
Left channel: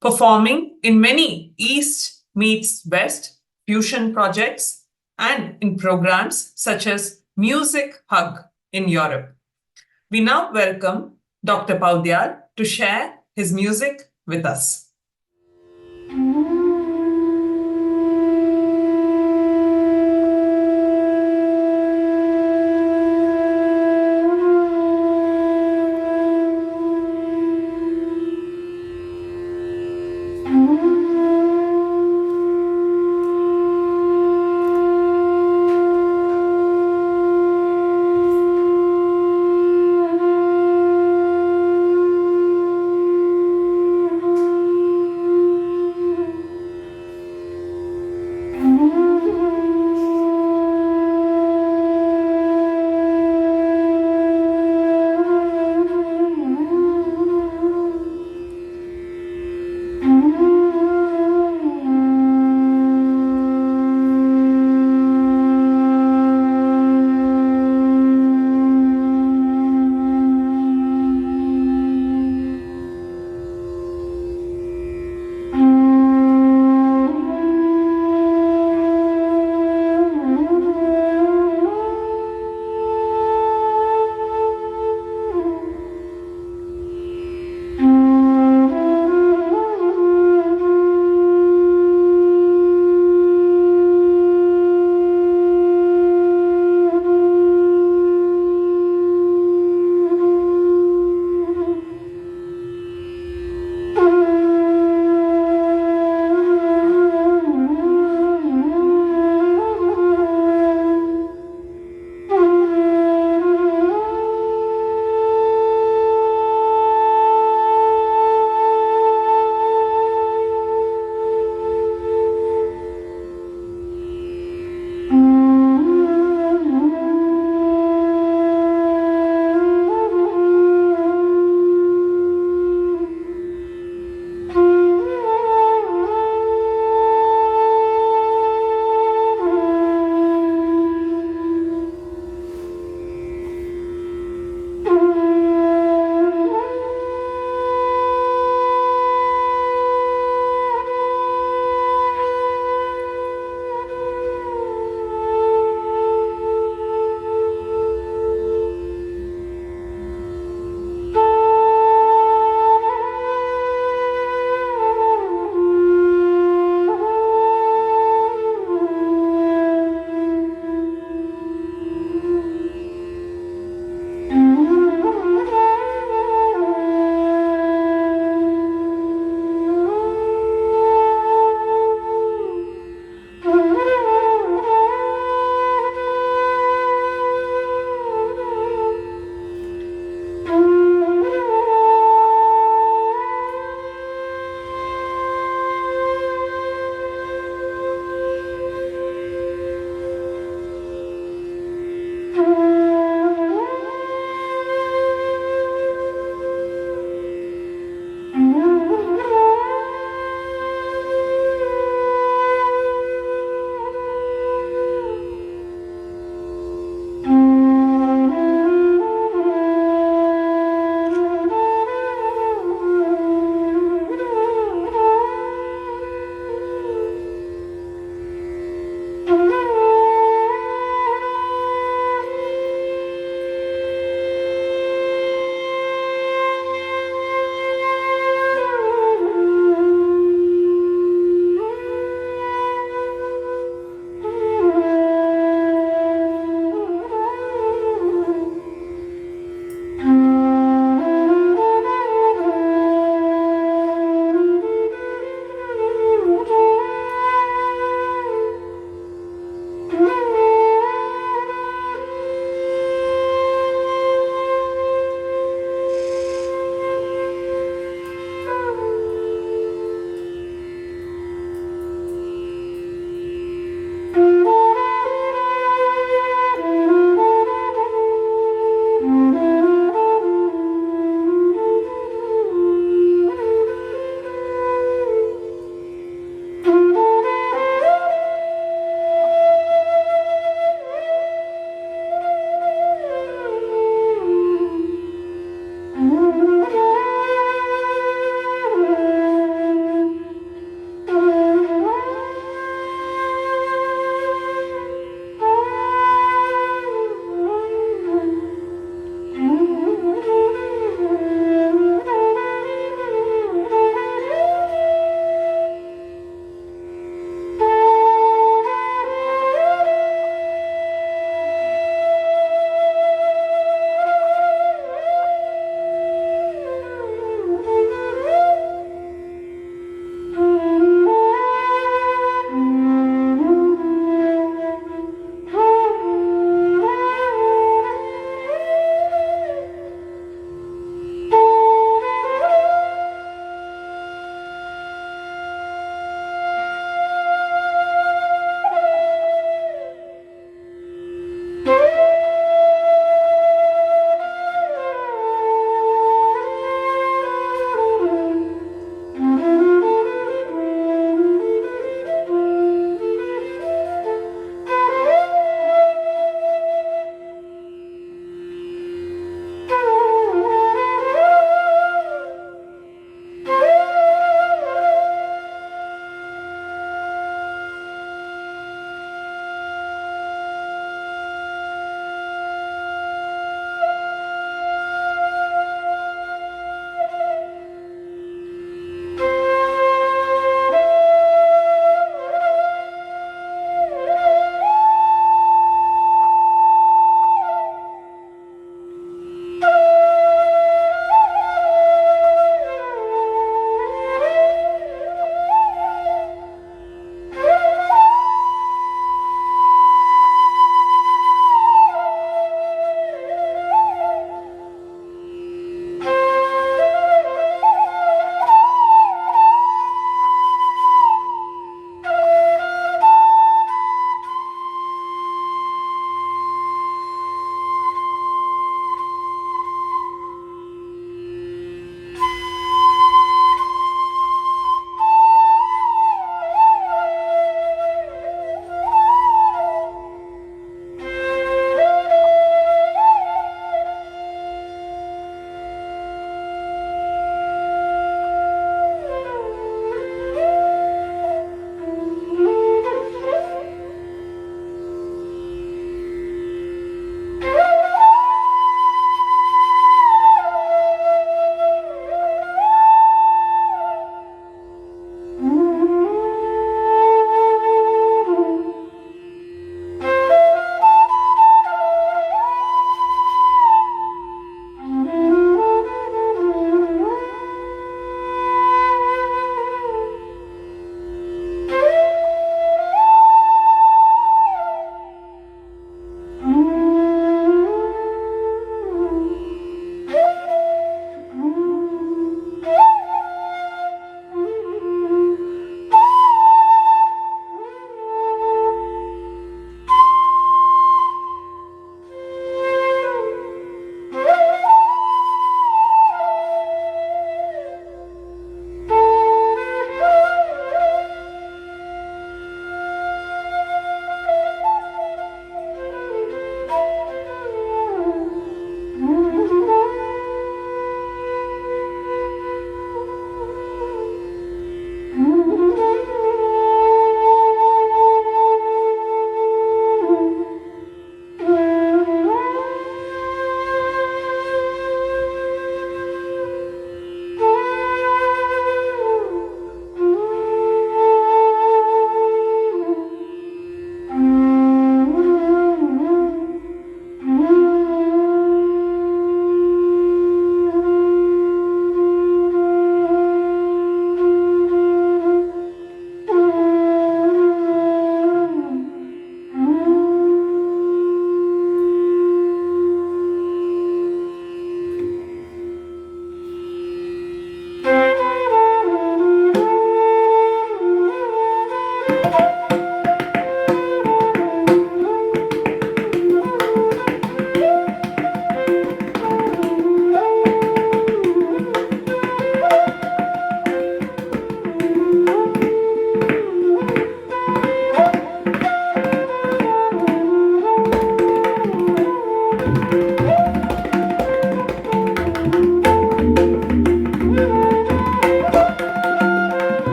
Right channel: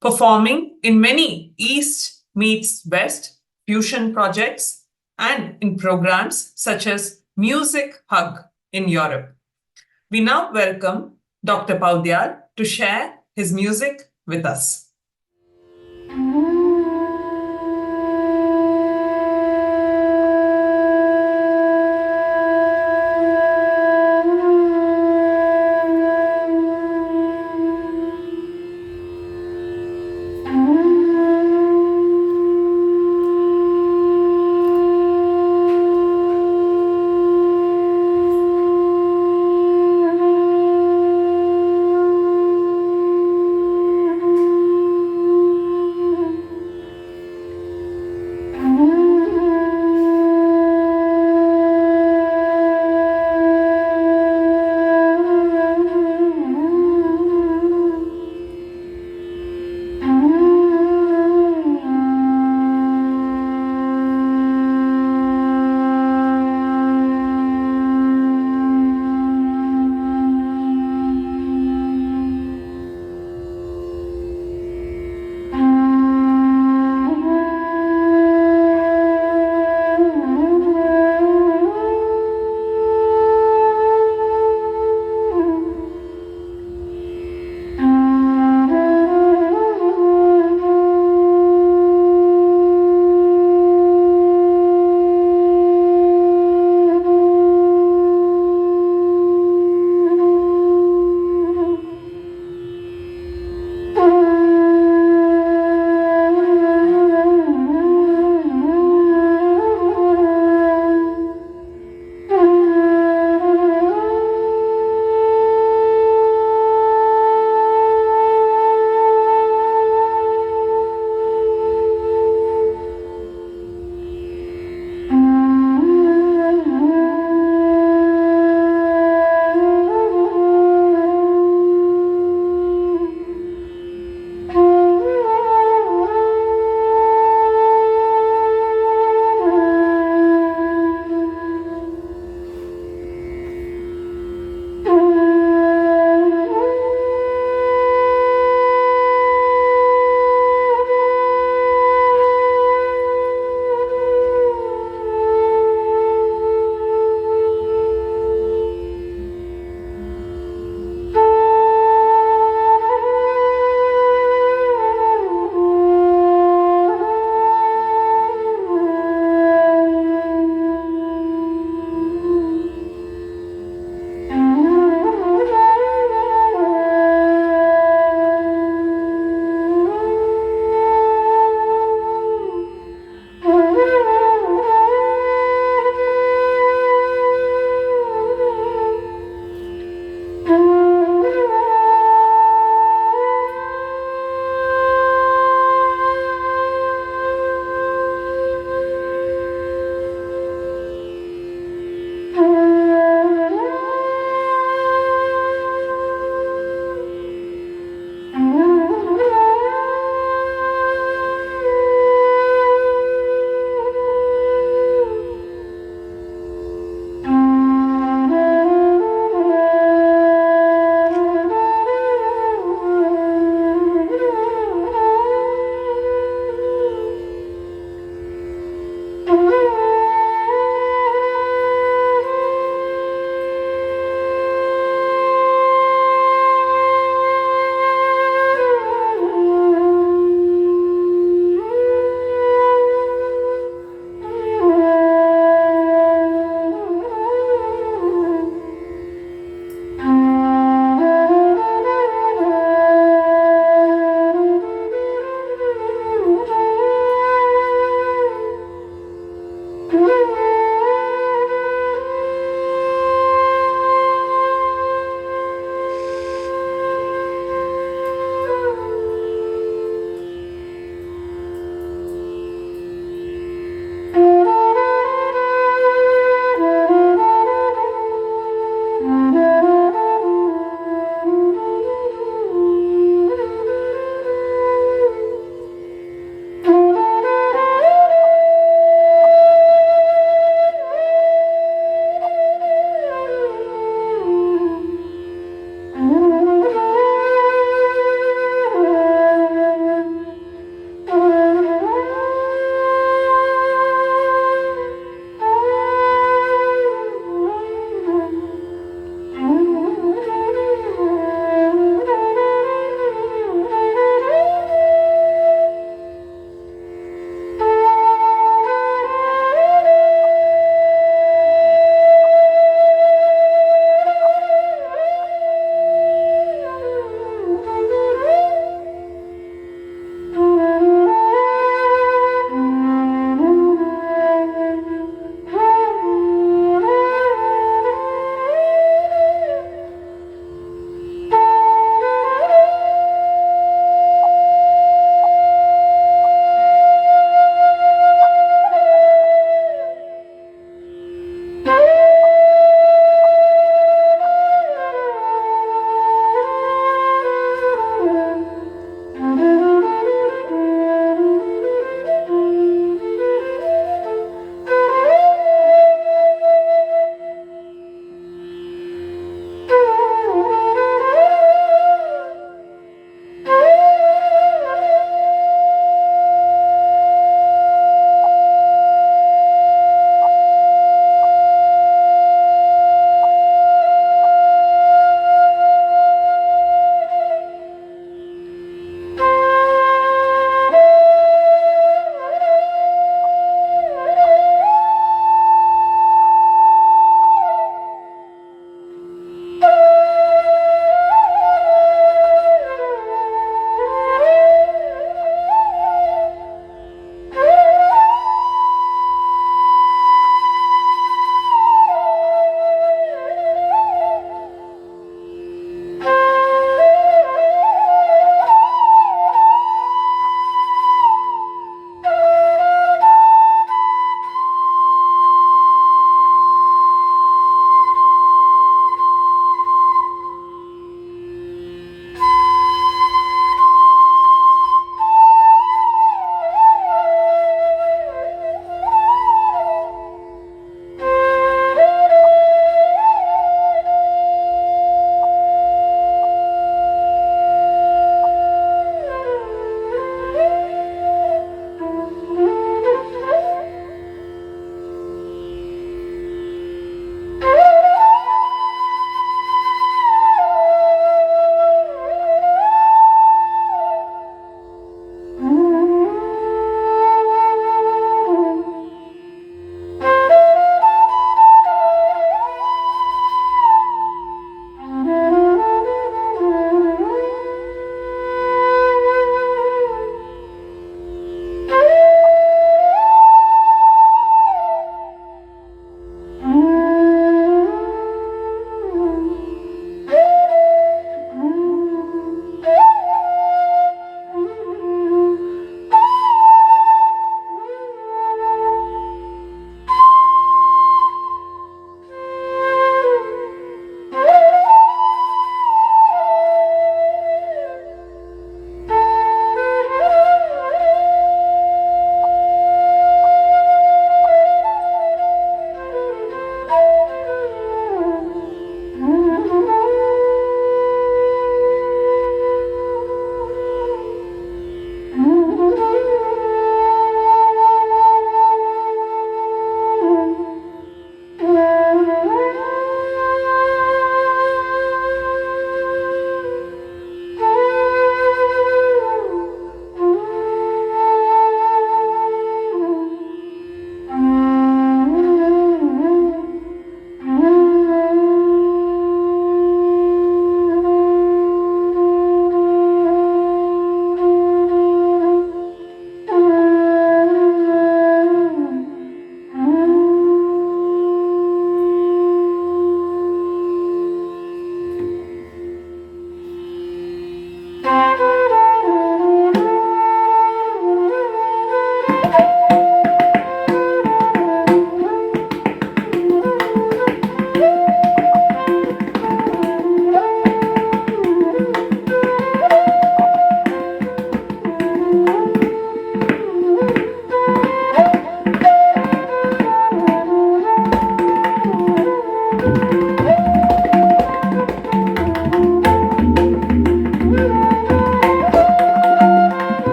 performing in many East meets West fusion projects and in programs such as Music Hug in Europe. We now welcome Dr. Paudyal to share his music with us.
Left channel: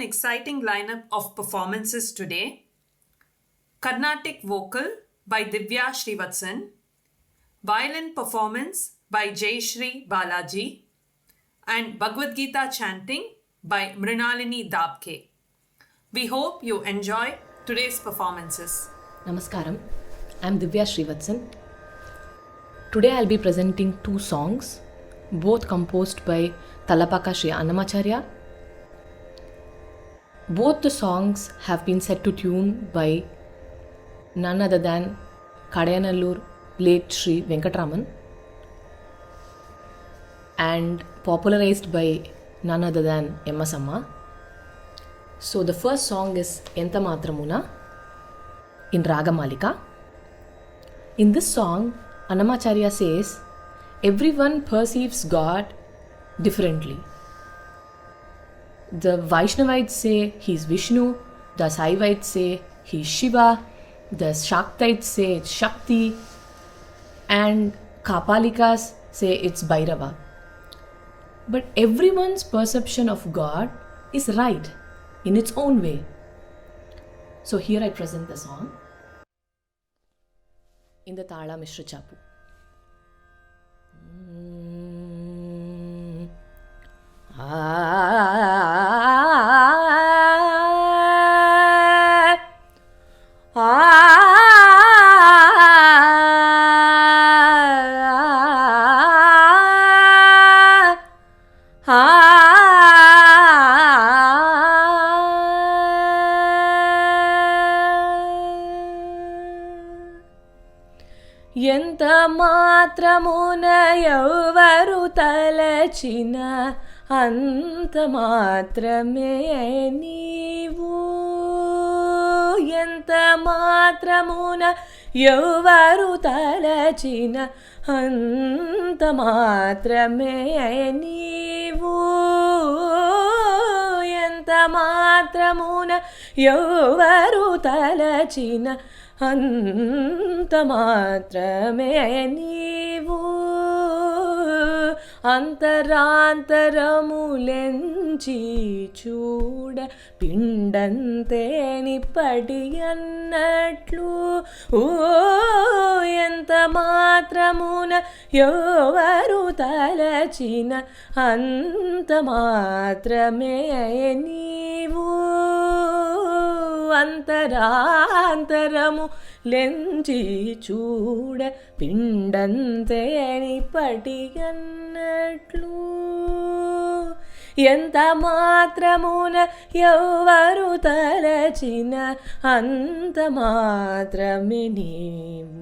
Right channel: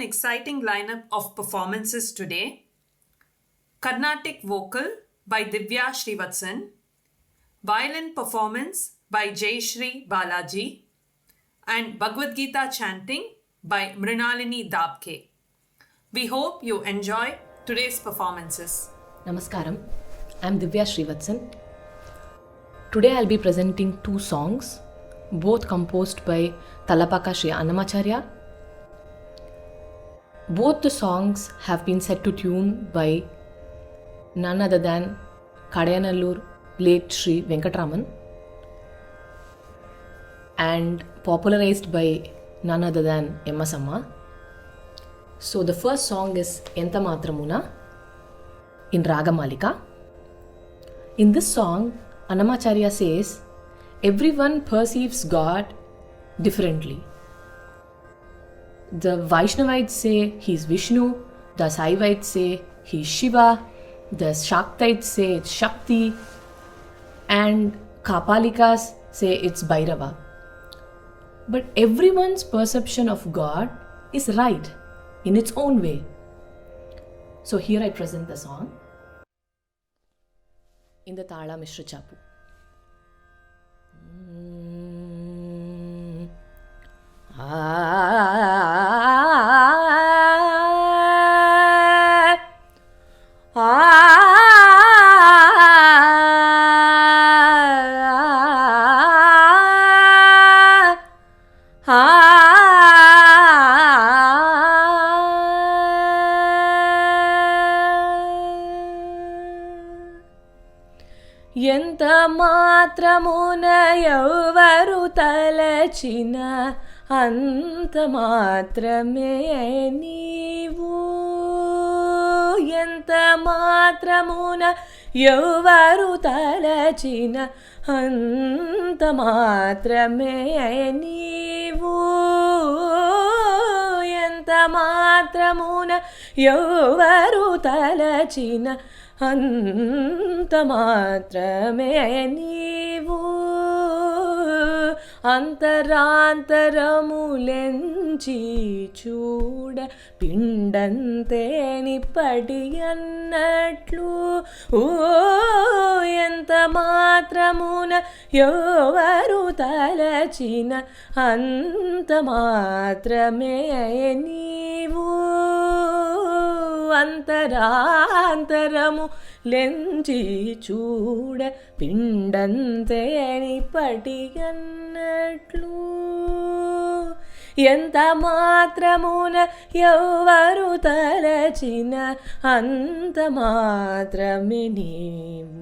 an exciting lineup of performances today. Carnatic vocal by Divya Srivatsan, violin performance by Jeysri Balaji, and Bhagavad Gita chanting by Mrunalini Dabke. We hope you enjoy today's performances. Namaskaram, I'm Divya Srivatsan. Today I'll be presenting 2 songs, both composed by Talapaka Sri Annamacharya. Both the songs have been set to tune by none other than Kadayanallur late Shri Venkatraman and popularized by none other than M.S. Amma. So the first song is Enta Matramuna in Ragamalika. In this song, Annamacharya says, everyone perceives God differently. The Vaishnavites say he's Vishnu, the Saivites say he's Shiva, the Shaktites say it's Shakti, and Kapalikas say it's Bhairava. But everyone's perception of God is right in its own way. So here I present the song in the Tala Mishra Chapu. ఎంత మాత్రమున ఎవరు తలచిన అంత మాత్రమే నీవు. ఎంత మాత్రమున ఎవరు తలచిన అంత మాత్రమే నీవు. ఎంత మాత్రమున ఎవరు తలచిన అంత మాత్రమే నీవు. అంతరాంతరములెంచి చూడ పిండంతే నిప్పటి అన్నట్లు. ఎంత మాత్రమున ఎవరు తలచిన అంత మాత్రమే నీవు. అంతరాంతరము లెంచి చూడ పిండంతే నిప్పటి అన్నట్లు. ఎంత మాత్రమున ఎవరు తలచిన అంత మాత్రమే నీవు.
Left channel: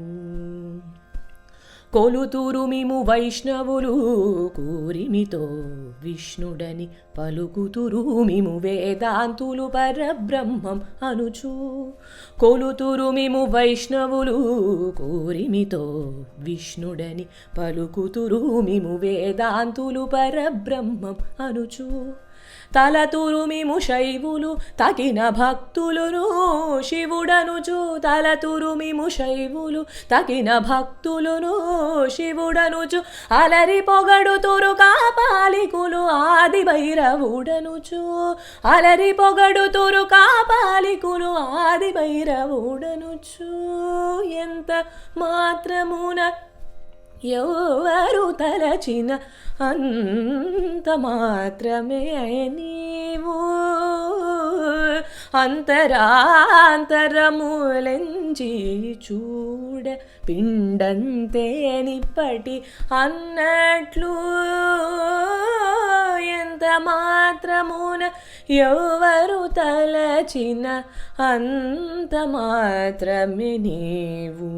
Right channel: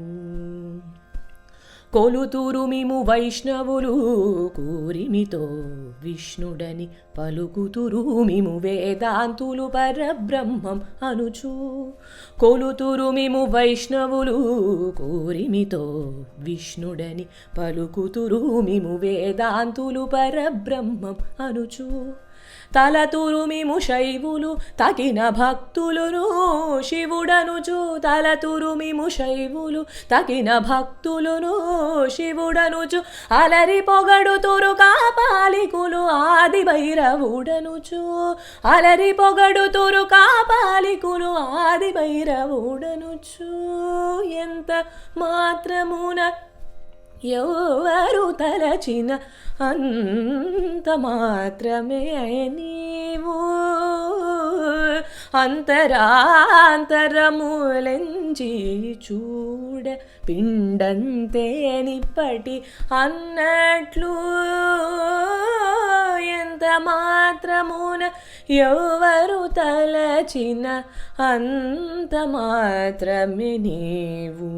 కొలుతురు మిము వైష్ణవులు కూరిమితో విష్ణుడని పలుకుతురు మిము వేదాంతులు పరబ్రహ్మం అనుచు. కొలుతురు మిము వైష్ణవులు కూరిమితో విష్ణుడని పలుకుతురు మిము వేదాంతులు పరబ్రహ్మం అనుచు. తలతురు మిము శైవులు తగిన భక్తులును శివుడనుచు. తలతురు మిము శైవులు తగిన భక్తులును శివుడనుచు. అలరి పొగడుతురు కాపాలికులు ఆది భైరవుడనుచు. అలరి పొగడుతురు కాపాలికులు ఆది భైరవుడనుచు. ఎంత మాత్రమున ఎవరు తలచిన అంత మాత్రమే నీవు. అంతరాంతరములెంచి చూడ పిండంతే నిప్పటి అన్నట్లు. ఎంత మాత్రమున ఎవరు తలచిన అంత మాత్రమే నీవు.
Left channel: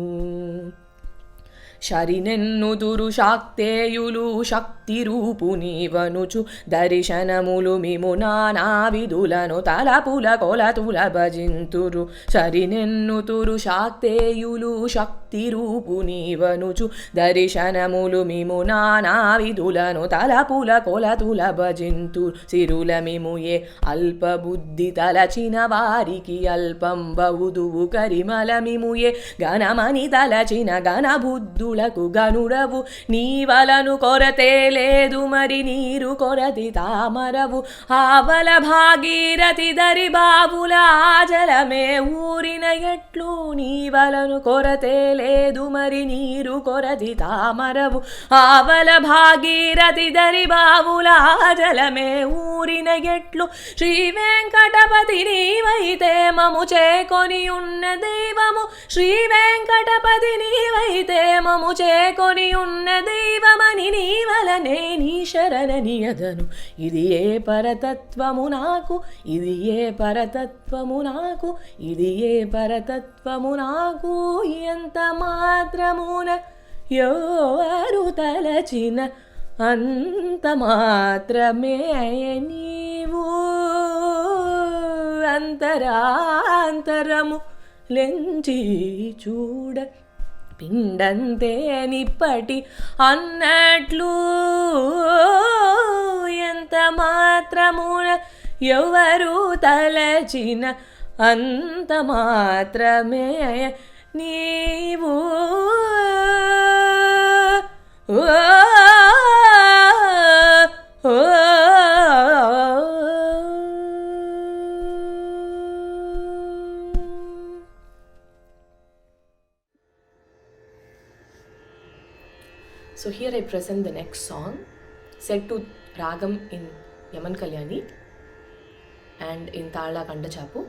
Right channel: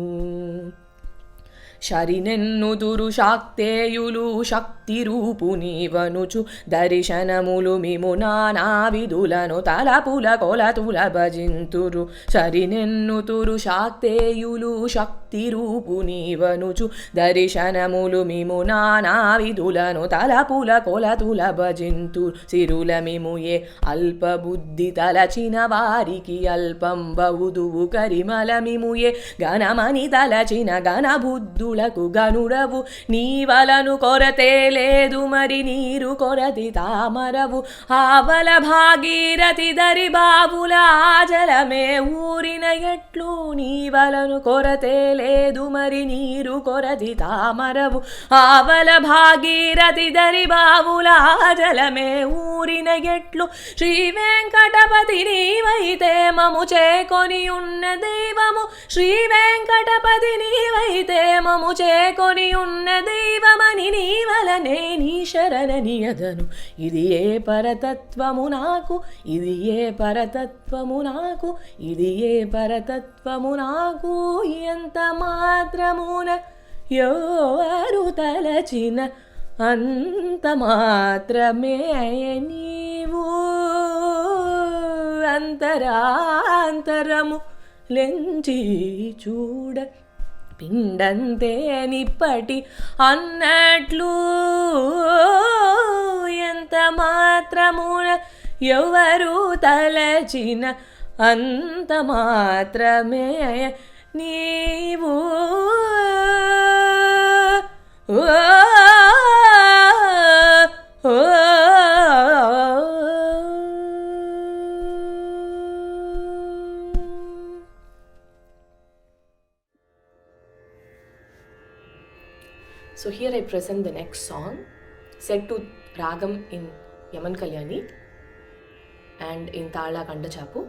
శరినెన్నుదురు శాక్తేయులు శక్తి రూపు నీవనుచు. దర్శనములు మిము నానా విధులను తలపుల కొలతుల భజింతురు. శరినెన్నుతురు శాక్తేయులు శక్తి రూపు నీవనుచు. దర్శనములు మిము నానా విధులను తలపుల కొలతుల భజింతురు. సిరుల మిము ఏ అల్పబుద్ధి తలచిన వారికి అల్పం బౌదువు. కరిమల మిము ఏ ఘనమని తలచిన ఘనబుద్ధు నిధులకు గనుడవు నీవలను కొరతే లేదు మరి నీరు కొరది తామరవు ఆవల భాగీరథి దరి బావుల జలమే ఊరిన ఎట్లు నీవలను కొరతే లేదు మరి నీరు కొరది తామరవు ఆవల భాగీరథి దరి బావుల జలమే ఊరిన ఎట్లు శ్రీ వెంకటపతి నీవైతే మము చేకొని ఉన్న దైవము శ్రీ వెంకటపతి నీవైతే మము చేకొని ఉన్న దైవమని నీవలనే నీ శరణని అదను ఇది ఏ పరతత్వము నాకు ఇది ఏ పరతత్వము నాకు ఇది ఏ పరతత్వము నాకు ఎంత మాత్రమున ఎవరు తలచిన అంత మాత్రమే నీవు అంతరాంతరము లెంచి చూడ పిండంతే నిప్పటి అన్నట్లు ఎంత మాత్రమున ఎవరు తలచిన అంత మాత్రమే నీవు So here I present the next song set to Ragam in Yaman Kalyani and in Tala Kandachapu.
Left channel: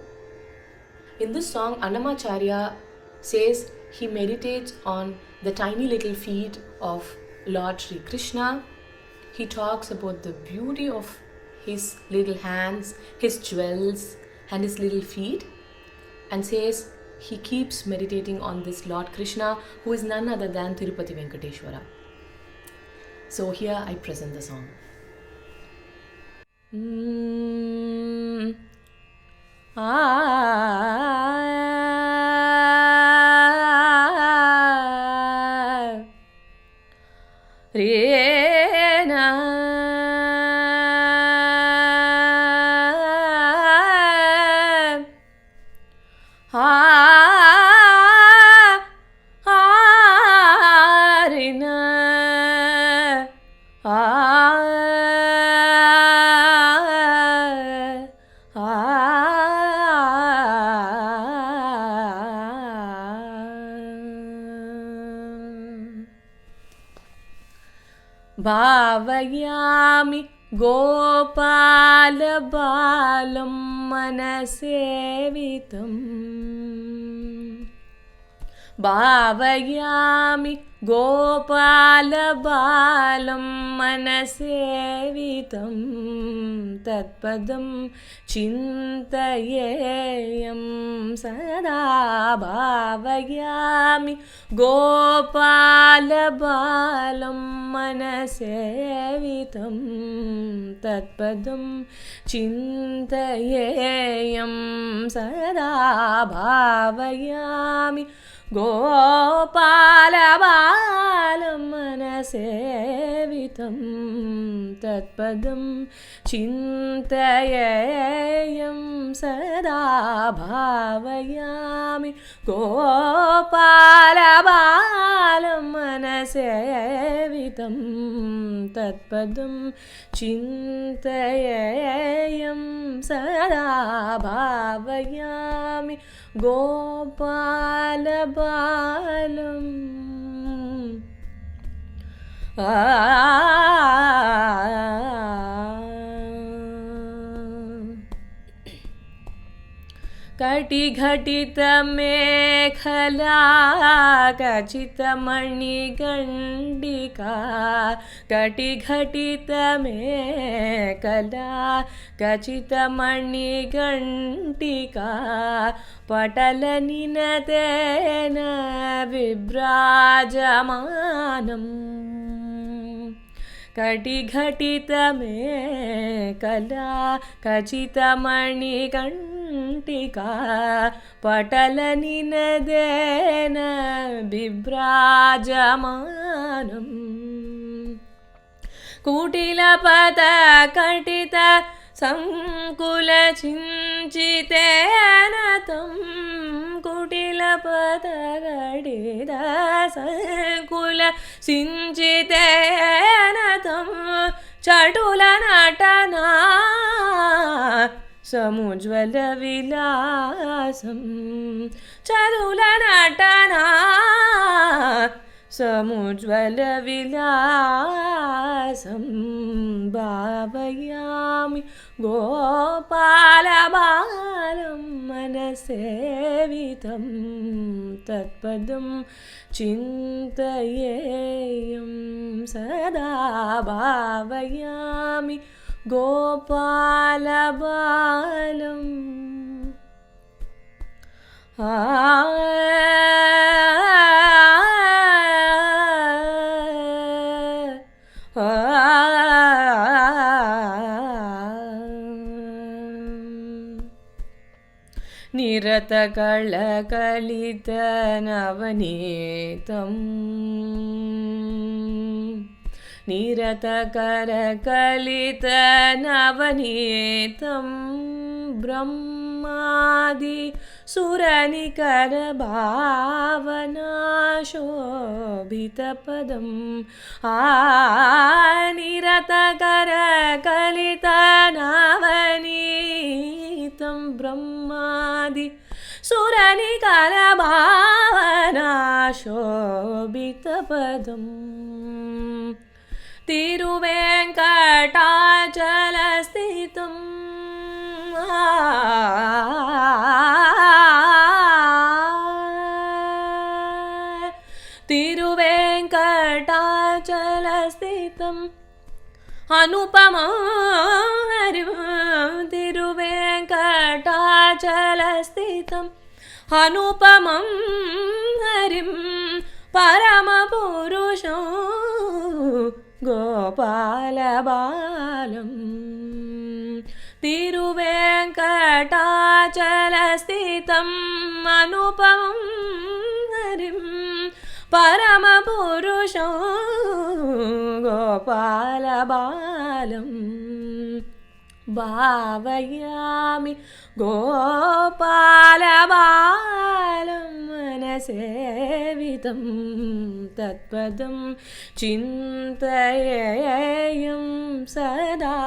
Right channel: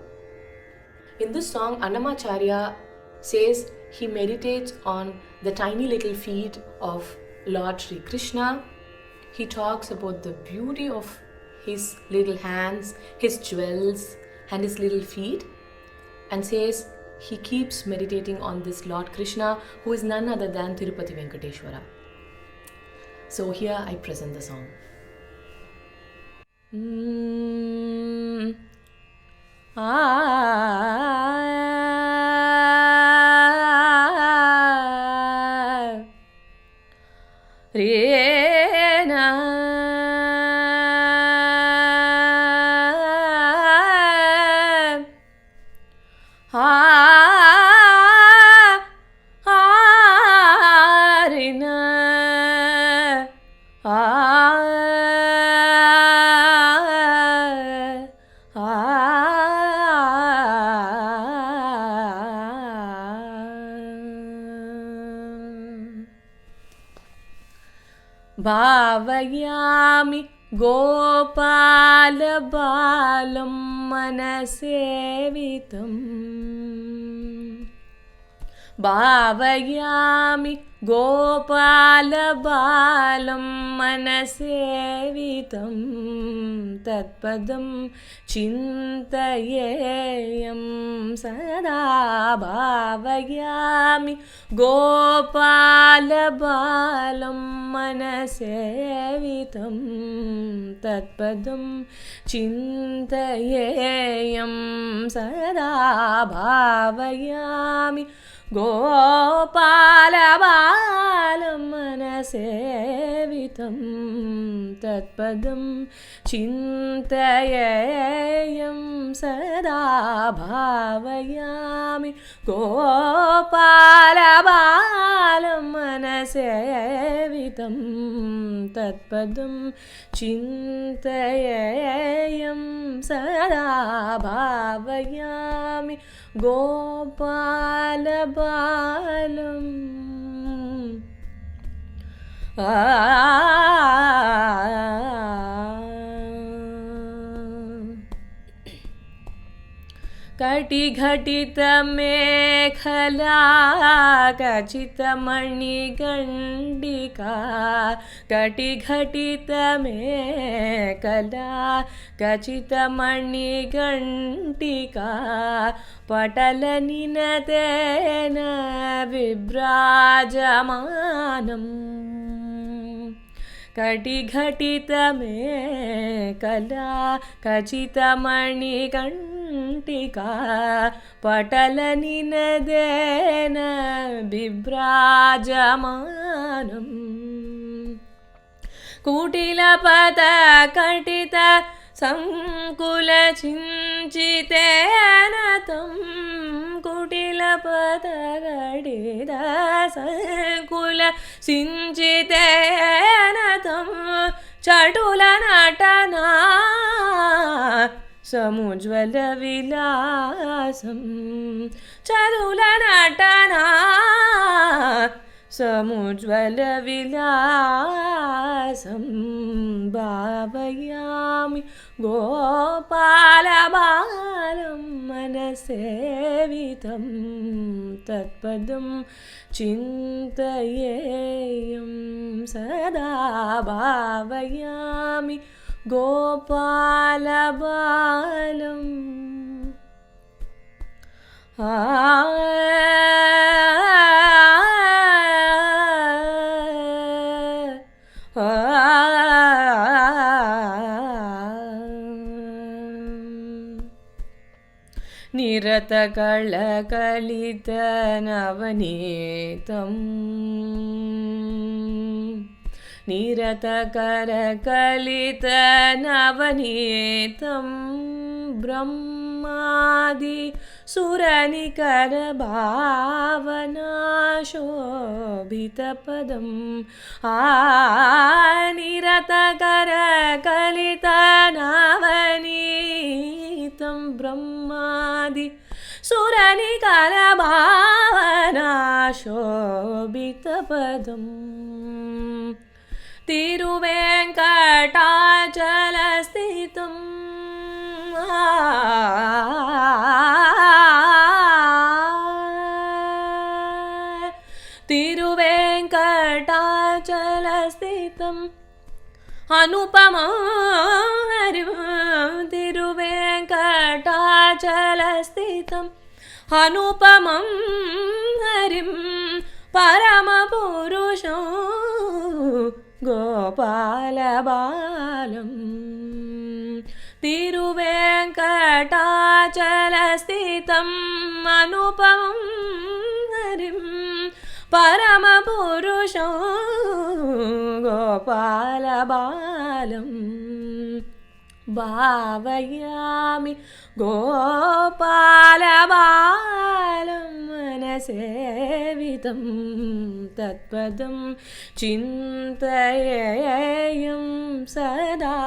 In this song, Annamacharya says he meditates on the tiny little feet of Lord Shri Krishna. He talks about the beauty of his little hands, his jewels and his little feet, and says he keeps meditating on this Lord Krishna who is none other than Tirupati Venkateshwara. So here I present the song. భావయామి Gopala బాలం మనసేవితం భావయామి Gopala బాలం మనసేవితం తత్పదం చింతయేయం సదా భావయామి గోపాల బాలం మనసేవితం తత్పదం చింతయేయం సదా భావయామి గోపాల బాలం మనసేవితం తత్పదం చింతయేయం సదా భావయామి గోపాల బాలం మనసేవితం తత్పదం చింతయేయం సదా భావయామి గోపాల బాలం కటిఘటిత మేఖలా ఖచితమణిగండికా కటిఘటిత మేఖలా ఖచితమణిగంటికా పటల నినతేన విభ్రాజమానం కటిఘటిత మేఖలా ఖచితమణిగంటికా పటల నినదేన బిభ్రాజమానం కుటిలపద కటిత సంకుల చించితేన తం కుటిలపద కటిత संकुल सिञ्चितेन तं चटुलनटना समुज्ज्वलविलासं चटुलनटना समुज्ज्वलविलासं भावयामि गोपालबालं मनसेवितं तत्पदं चिन्तयेयं सदा भावयामि गोपालबालम् निरतकलकलितनवनीतं निरतकरकलितनवनीतं ब्रह्मादि सुरनिकरभावनाशोभितपदं निरतकरकलितनवनीतं ब्रह्मादि सुरनिकरभावनाशोभितपदम् तिरुवेङ्कटाचलस्थितं तिरुवेङ्कटाचलस्थितम् अनुपमं हरिं तिरुवेङ्कटाचलस्थितम् अनुपमं हरिं परमपुरुषं गोपालबालं तिरुवेङ्कटाचलस्थितम् अनुपमं हरिं परमपुरुषं गोपालबालम् भावयामि गोपालबालं मनसेवितं तत्पदं चिन्तयेयं सदा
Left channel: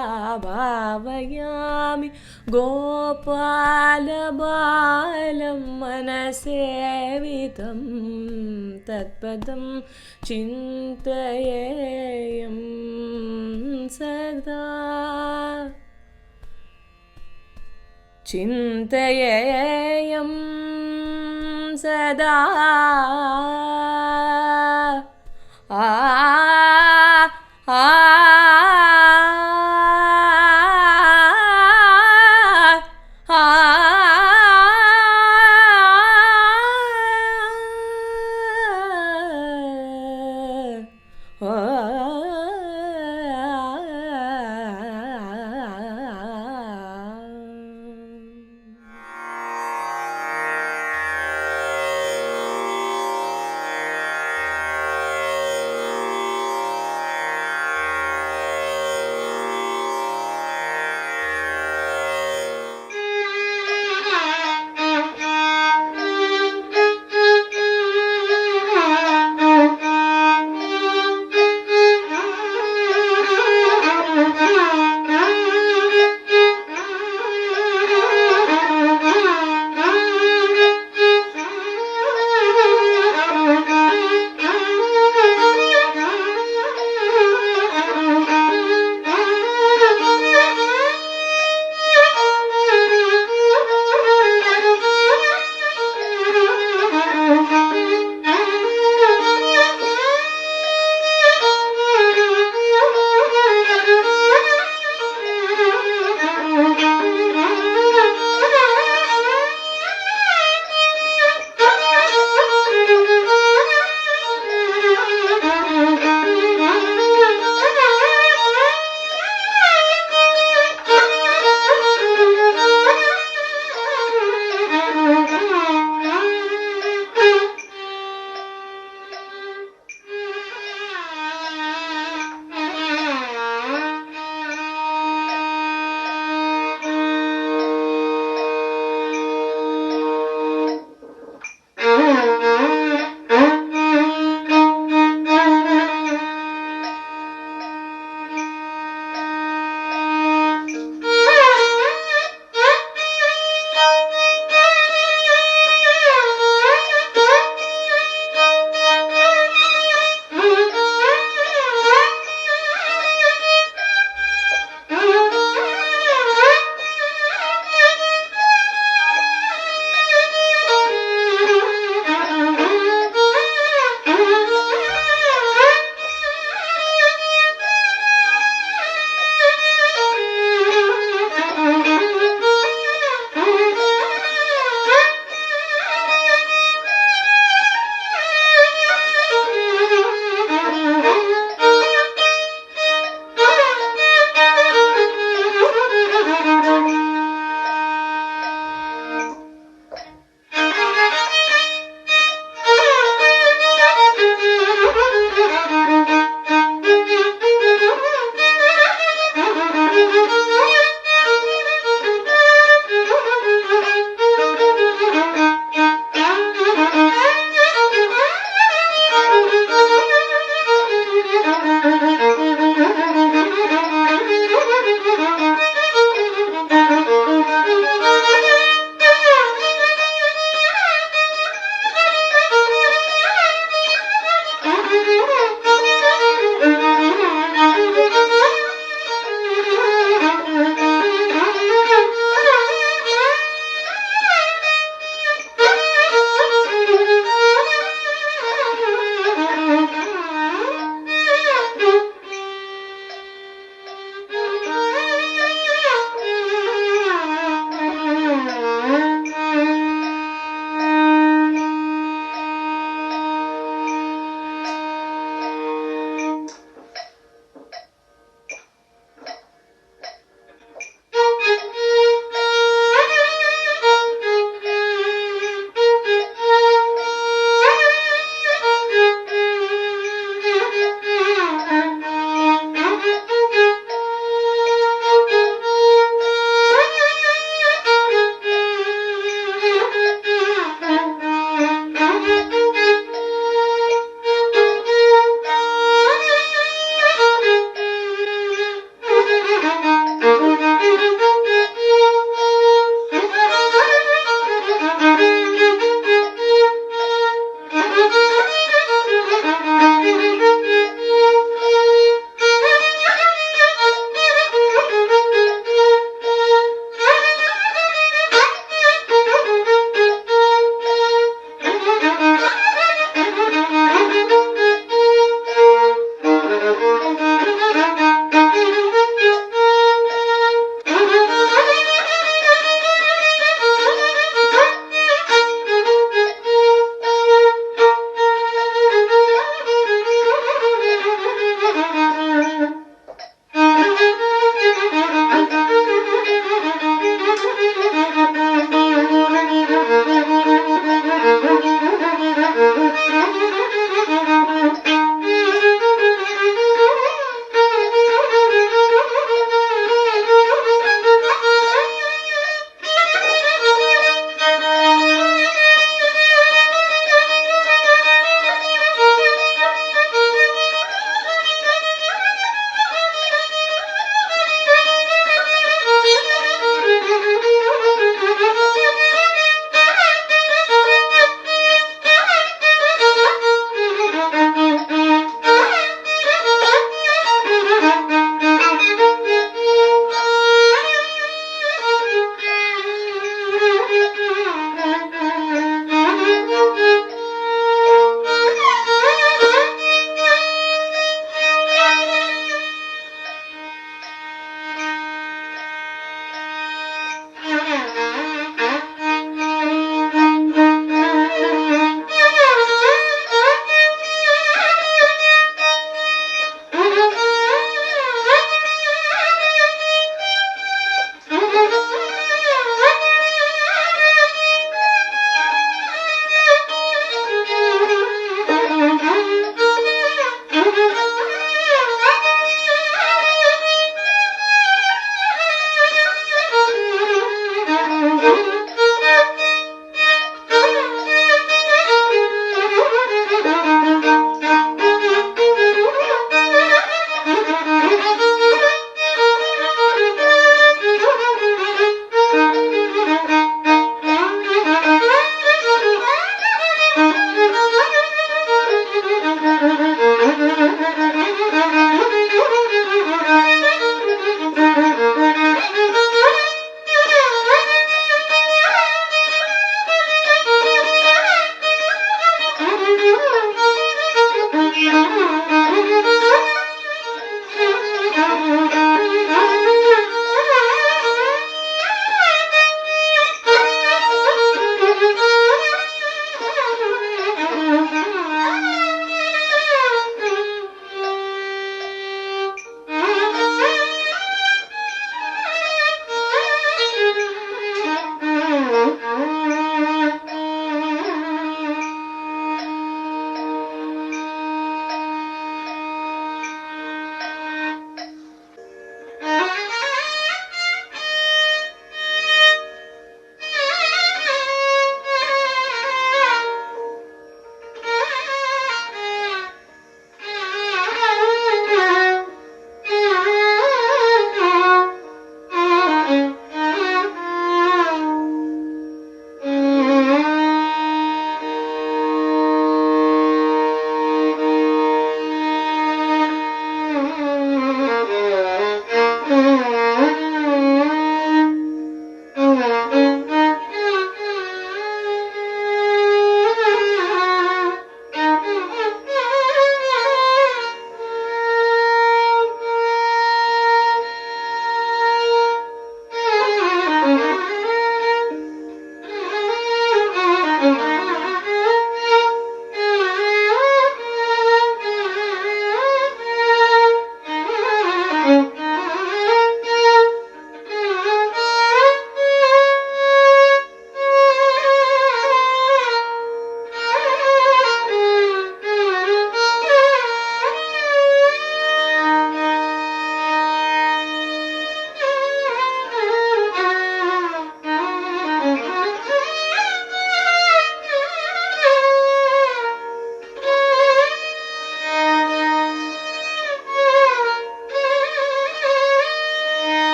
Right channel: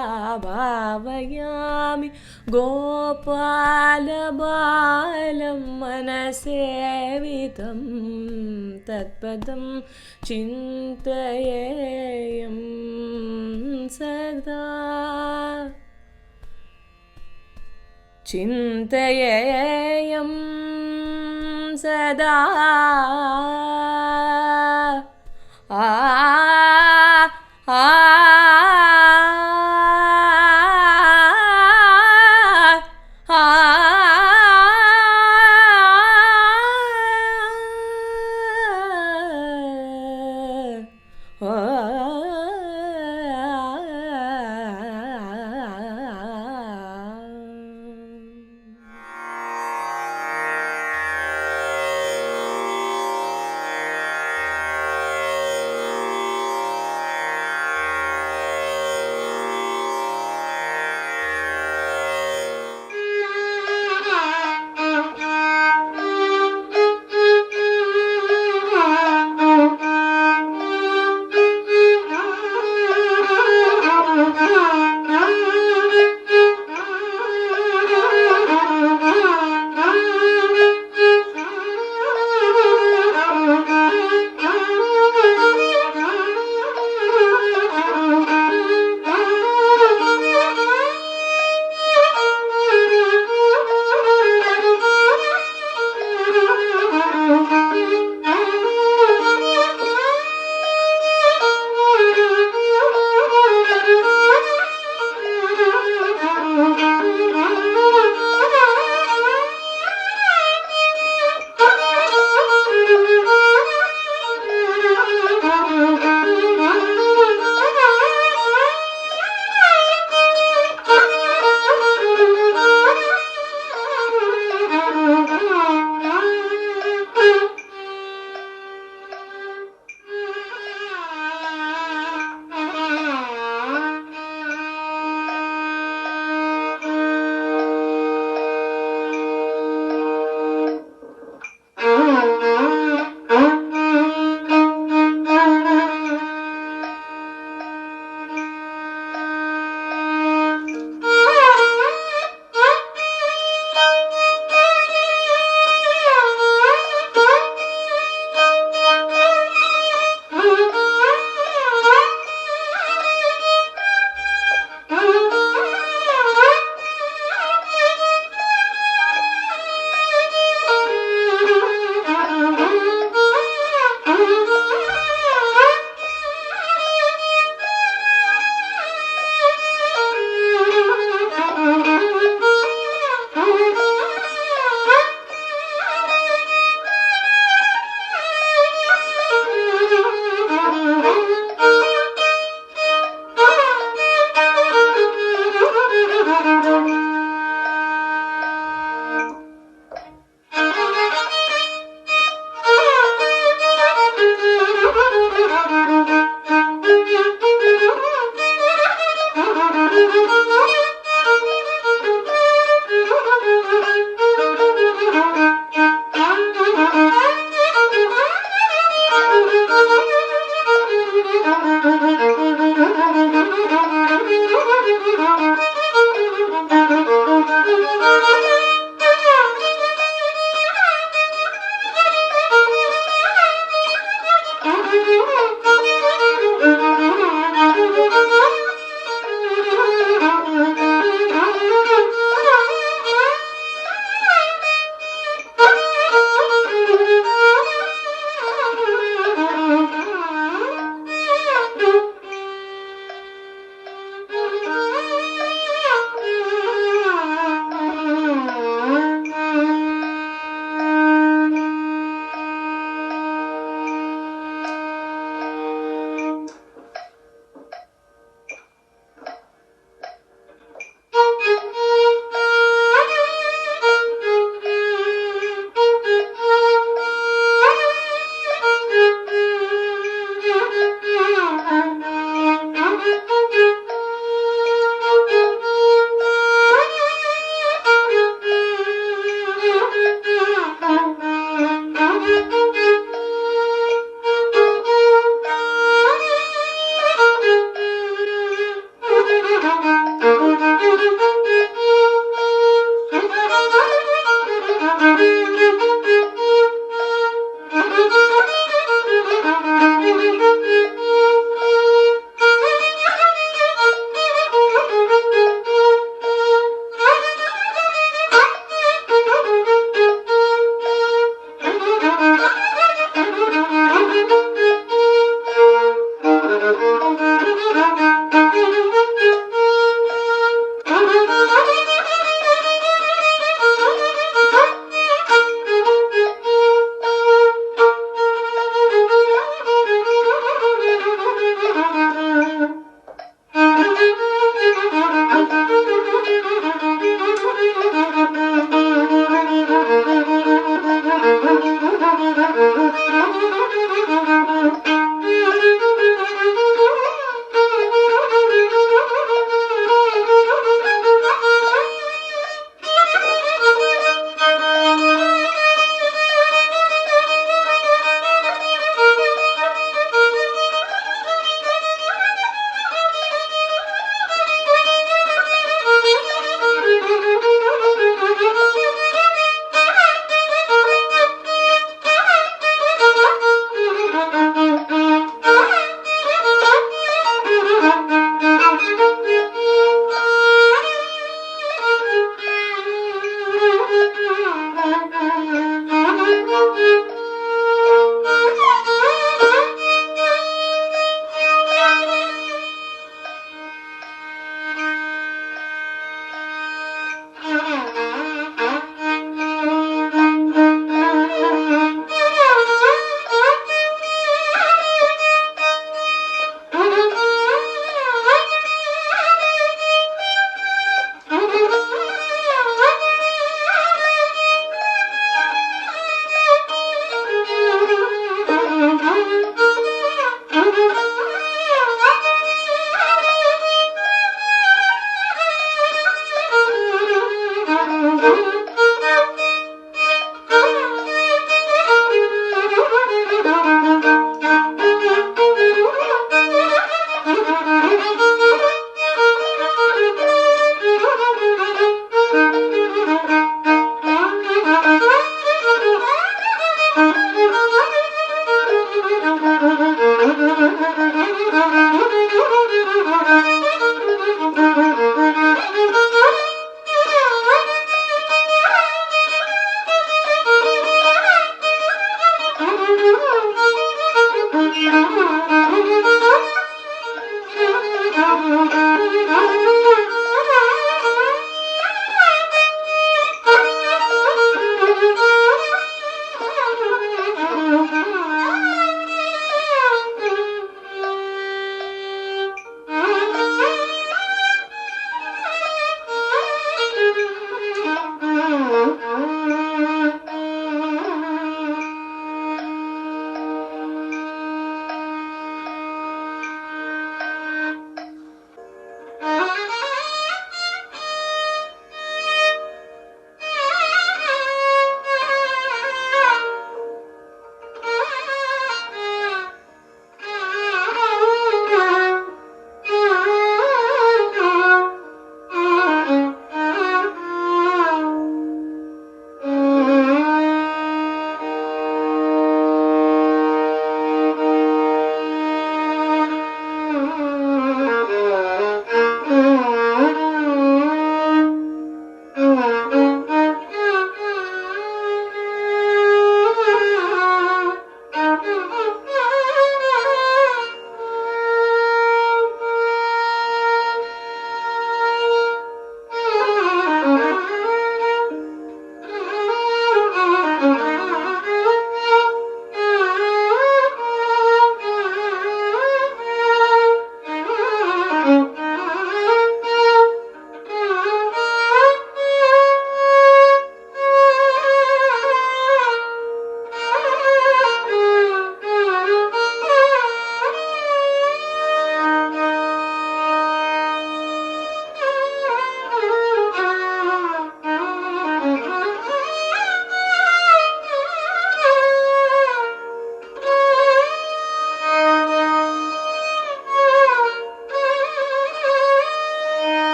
भावयामि गोपालबालं मनसेवितं तत्पदं चिन्तयेयं सदा चिन्तयेयं सदा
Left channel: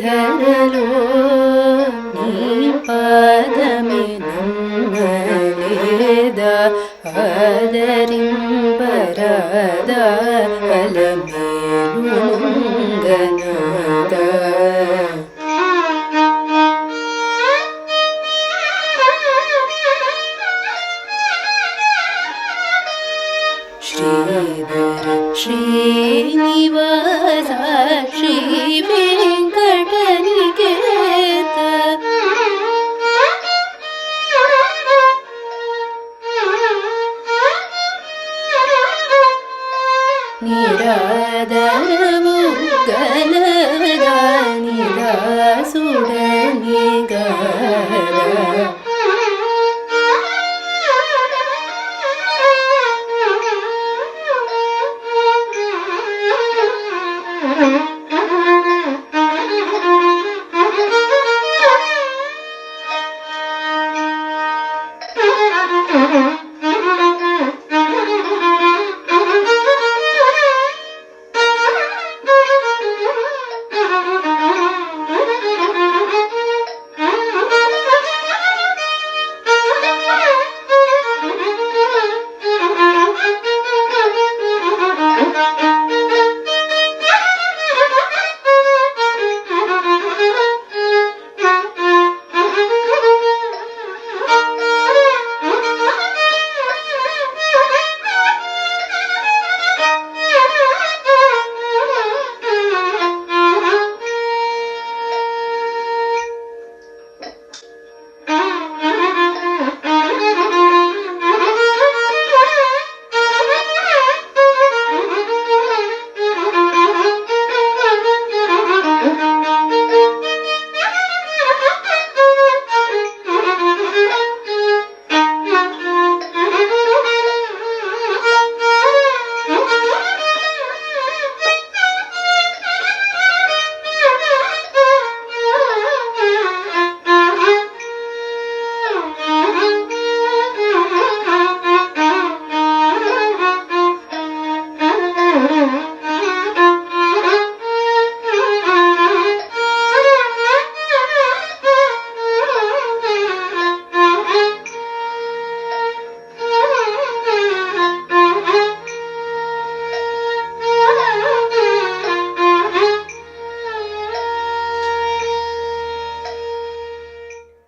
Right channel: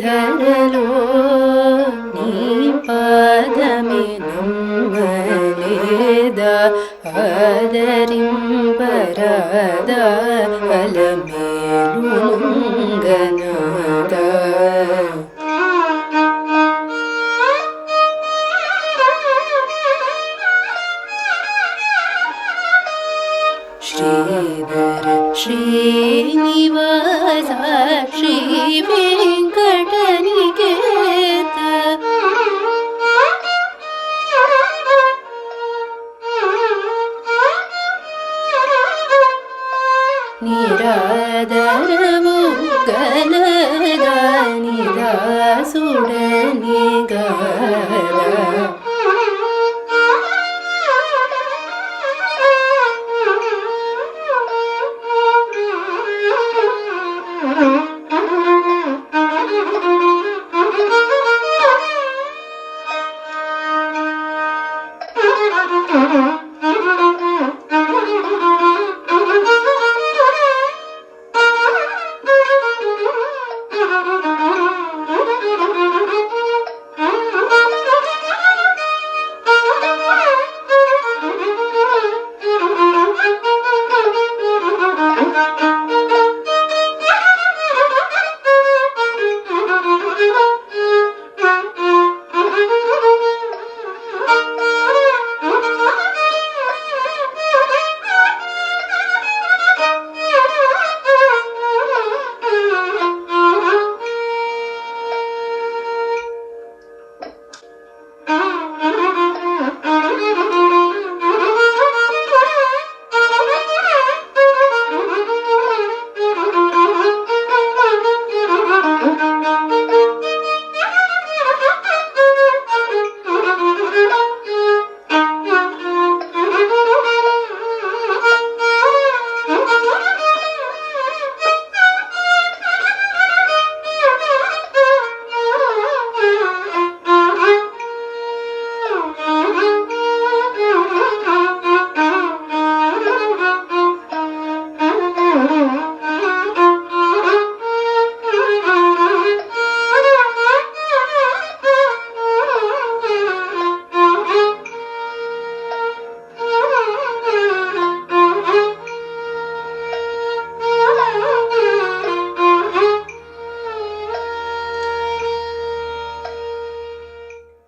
ధరలో నీ పాదమే నమ్మలేదా ఆదరింపరాదా అలమేలు మంగనాదా శ్రీధర శ్రీనివాస శ్రీ వెంకటనికేత నిరాదరము గలదా నిదాసుడని గల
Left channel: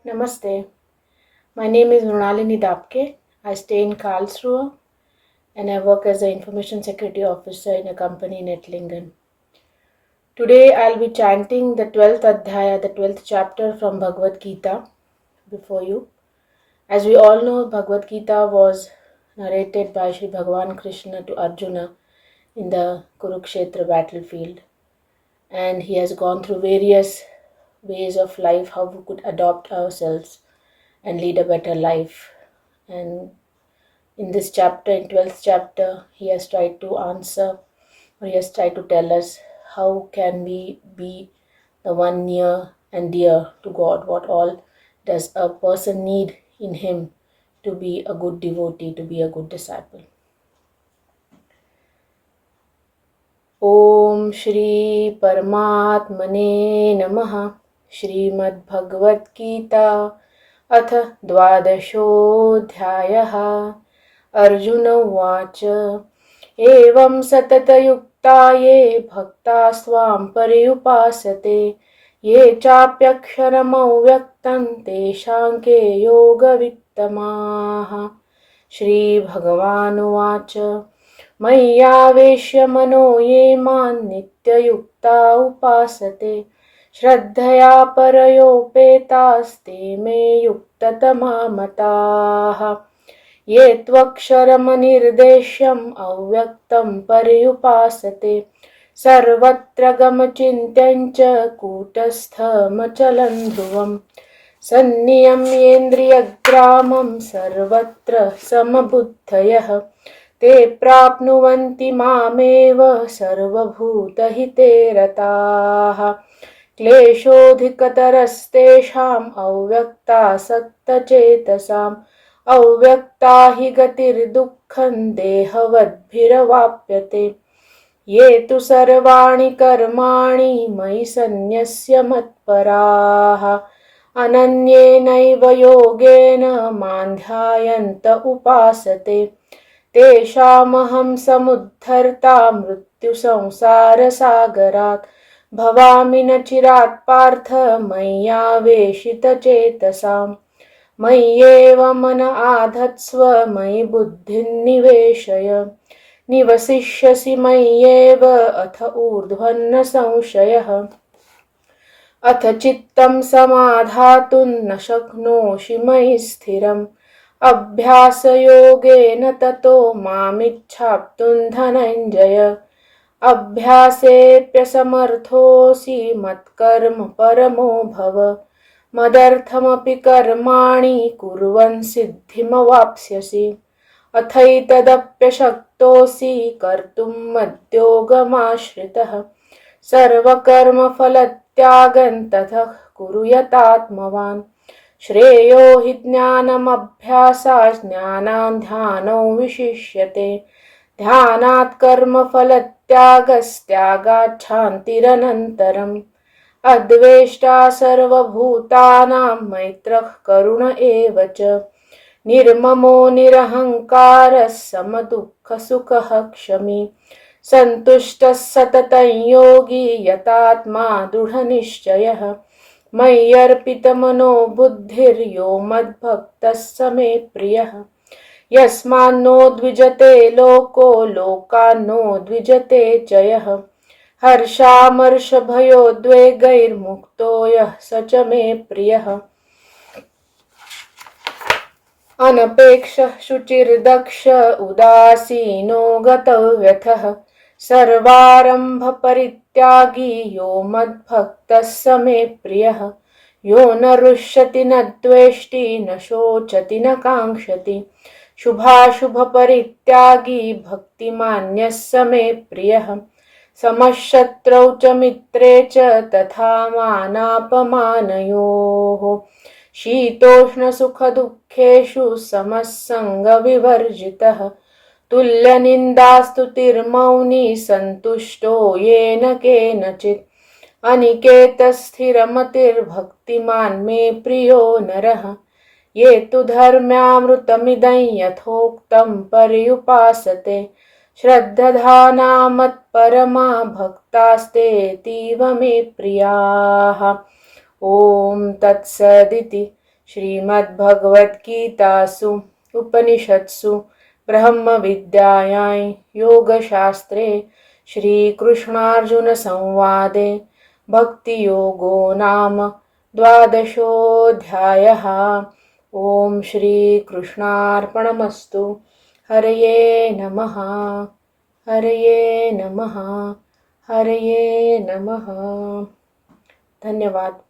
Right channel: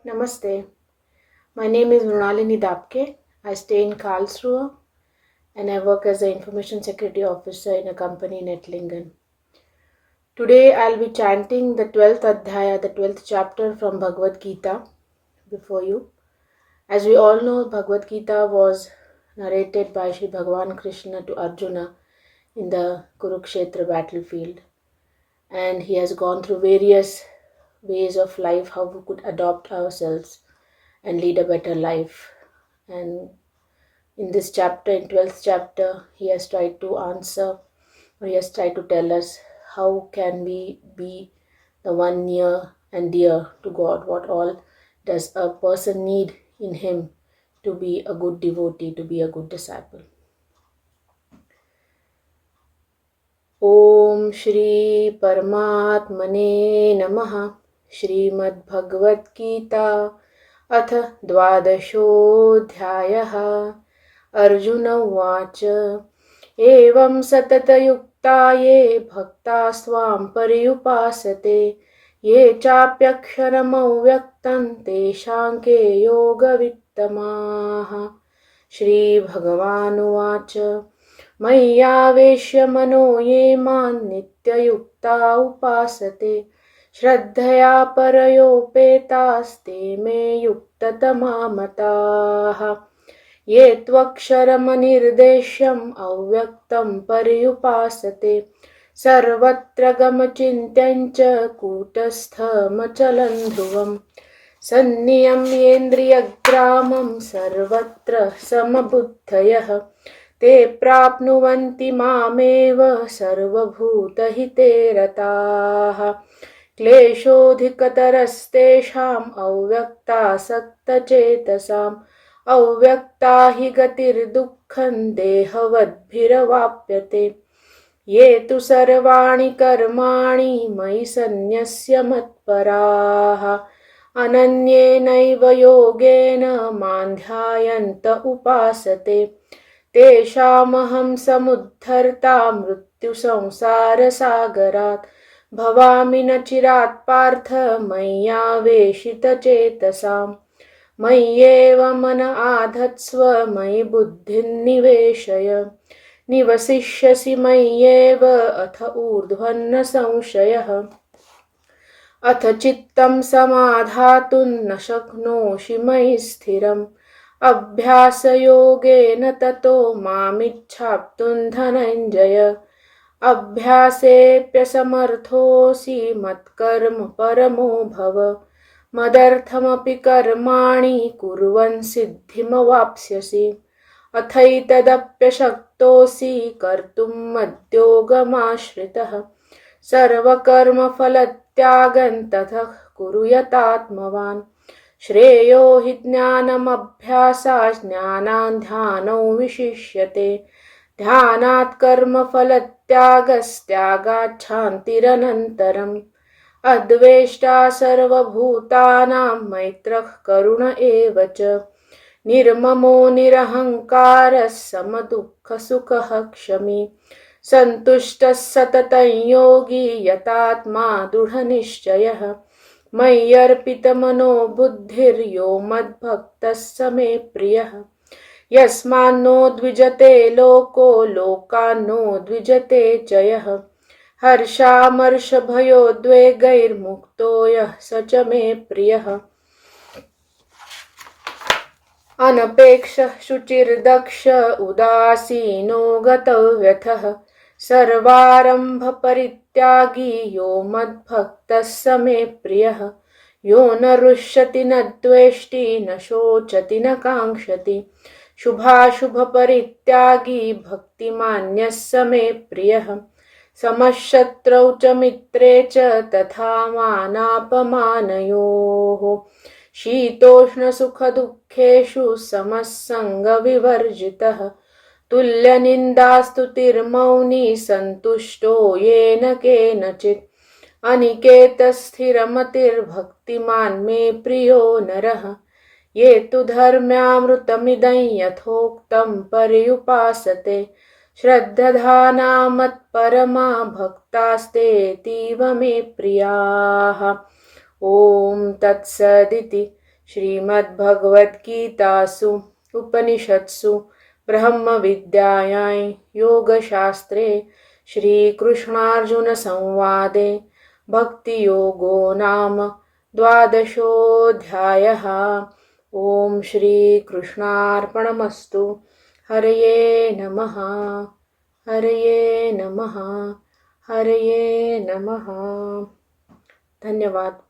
Namaste. My name is Mrunalini Dabke. I stay in Karlsruhe and I work as an information security officer in a company in Ettlingen. Today I'll be chanting the 12th Adhyaya, the 12th chapter from Bhagavad Gita before you. As we all know, Bhagavad Gita was narrated by Shri Bhagavan Krishna to Arjuna in the Kurukshetra battlefield. and he has gone through various ways of life, how we could adopt ourselves and lead a better life. And in this chapter, in 12th chapter, he has tried to answer, or he has tried to tell us how can we be the one near and dear to God. What all does a person need in him to be a good devotee, to be a good disciple. Om Shri Paramatmane Namaha. Shrimad Bhagavad Gita अथ द्वादशोऽध्यायः. अर्जुन उवाच एवं सततयुक्ता ये भक्तास्त्वां पर्युपासते ये चाप्यक्षरमव्यक्तं तेषां के योगवित्तमाः. श्रीभगवानुवाच मय्यावेश्य मनो ये मां नित्ययुक्ता उपासते श्रद्धया परयोपेतास्ते मे युक्ततमा मताः. ये त्वक्षरमनिर्देश्यम् अव्यक्तं पर्युपासते सर्वत्र गमचिन्त्यं च कूटस्थमचलं ध्रुवम् सन्नियम्येन्द्रियग्रामं सर्वत्र समबुद्धयः ते प्राप्नुवन्ति मामेव सर्वभूतहिते रताः. क्लेशोऽधिकतरस्तेषाम् अव्यक्तासक्तचेतसाम् अव्यक्ता हि गतिर्दुःखं देहवद्भिरवाप्यते. ये तु सर्वाणि कर्माणि मयि सन्न्यस्य मत्पराः अनन्येनैव योगेन मां ध्यायन्त उपासते तेषामहं समुद्धर्ता मृत्युसंसारसागरात् भवामि न चिरात् पार्थ मय्यावेशितचेतसाम्. मय्येव मन आधत्स्व मयि बुद्धिं निवेशय निवसिष्यसि मय्येव अथ ऊर्ध्वन्न संशयः. अथ चित्तं समाधातुं न शक्नोषि मयि स्थिरम् अभ्यासयोगेन ततो मामिच्छाप्तुं धनञ्जय. अभ्यासेऽप्यसमर्थोऽसि मत्कर्म परमो भव मदर्थमपि कर्माणि कुर्वन् सिद्धिमवाप्स्यसि. अथैतदप्यशक्तोऽसि कर्तुं मद्योगमाश्रितः सर्वकर्मफलत्यागं ततः कुरु यतात्मवान्. श्रेयो हि ज्ञानमभ्यासात् ज्ञानात् ध्यानो विशिष्यते ध्यानात् कर्मफलत्यागस्त्यागात् शान्तिरनन्तरम्. अद्वेष्टा सर्वभूतानां मैत्रः करुण एव च निर्ममो निरहङ्कारः समदुःखसुखः क्षमी सन्तुष्टः सततं योगी यतात्मा दृढनिश्चयः. मय्यर्पितमनो बुद्धिर्यो मद्भक्तः स मे प्रियः. यस्मान्नो द्विजते लोको लोकान्नो द्विजते च यः हर्षामर्षभयोद्वेगैर्मुक्तो यः स च मे प्रियः. अनपेक्षः शुचिर्दक्ष उदासीनो गतव्यथः सर्वारम्भपरित्यागी यो मद्भक्तः स मे प्रियः. यो न रुष्यति न द्वेष्टि न शोचति न काङ्क्षति शुभाशुभपरित्यागी भक्तिमान्यः स मे प्रियः. समशत्रौ च मित्रे च तथा मानापमानयोः शीतोष्णसुखदुःखेषु समः सङ्गविवर्जितः तुल्यनिन्दास्तुतिर्मौनी सन्तुष्टो येन केनचित्. अनिकेतस्थिरमतिर्भक्तिमान् मे प्रियो नरः. ये तु धर्म्यामृतमिदं यथोक्तं पर्युपासते श्रद्धाना मत्परमा भक्तास्तेऽतीव मे प्रियाः. ॐ तत्सदिति श्रीमद्भगवद्गीतासु उपनिषत्सु ब्रह्मविद्यायां योगशास्त्रे श्रीकृष्णार्जुनसंवादे भक्तियोगो नाम द्वादशोऽध्यायः. ॐ श्रीकृष्णार्पणमस्तु. हरये नमः. हरये नमः. Haraye Namaha. Dhanyavad.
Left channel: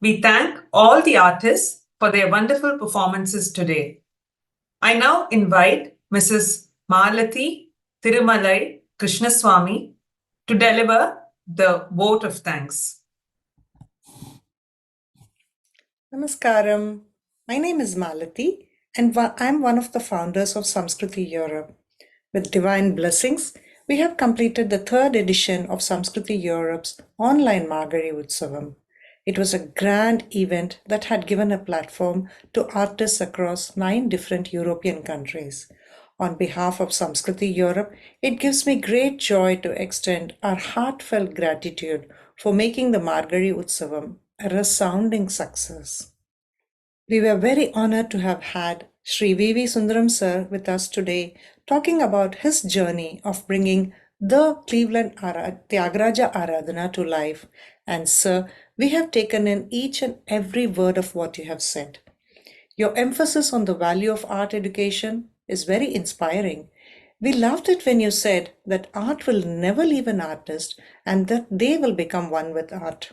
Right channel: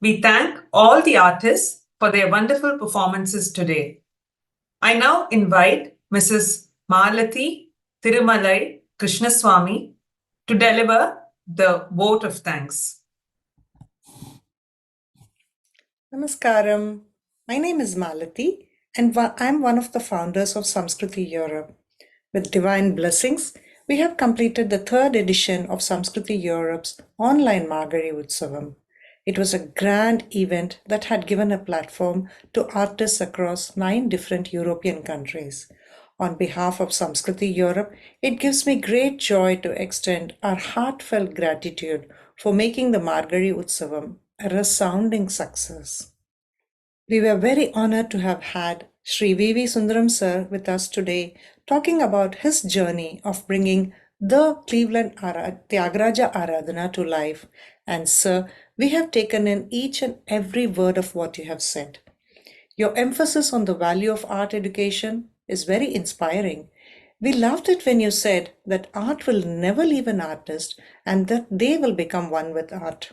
We thank all the artists for their wonderful performances today. I now invite Mrs. Malathi Thirumalai Krishnaswamy to deliver the vote of thanks. Namaskaram. My name is Malathi, and I'm one of the founders of Samskriti Europe. With divine blessings, we have completed the third edition of Samskriti Europe's online Margazhi Utsavam. It was a grand event that had given a platform to artists across 9 different European countries. On behalf of Samskriti Europe, it gives me great joy to extend our heartfelt gratitude for making the Margazhi Utsavam a resounding success. We were very honored to have had Shri Sundaram sir with us today, talking about his journey of bringing the Cleveland Thyagaraja Aradhana to life. And sir, we have taken in each and every word of what you have said. Your emphasis on the value of art education is very inspiring. We loved it when you said that art will never leave an artist and that they will become one with art.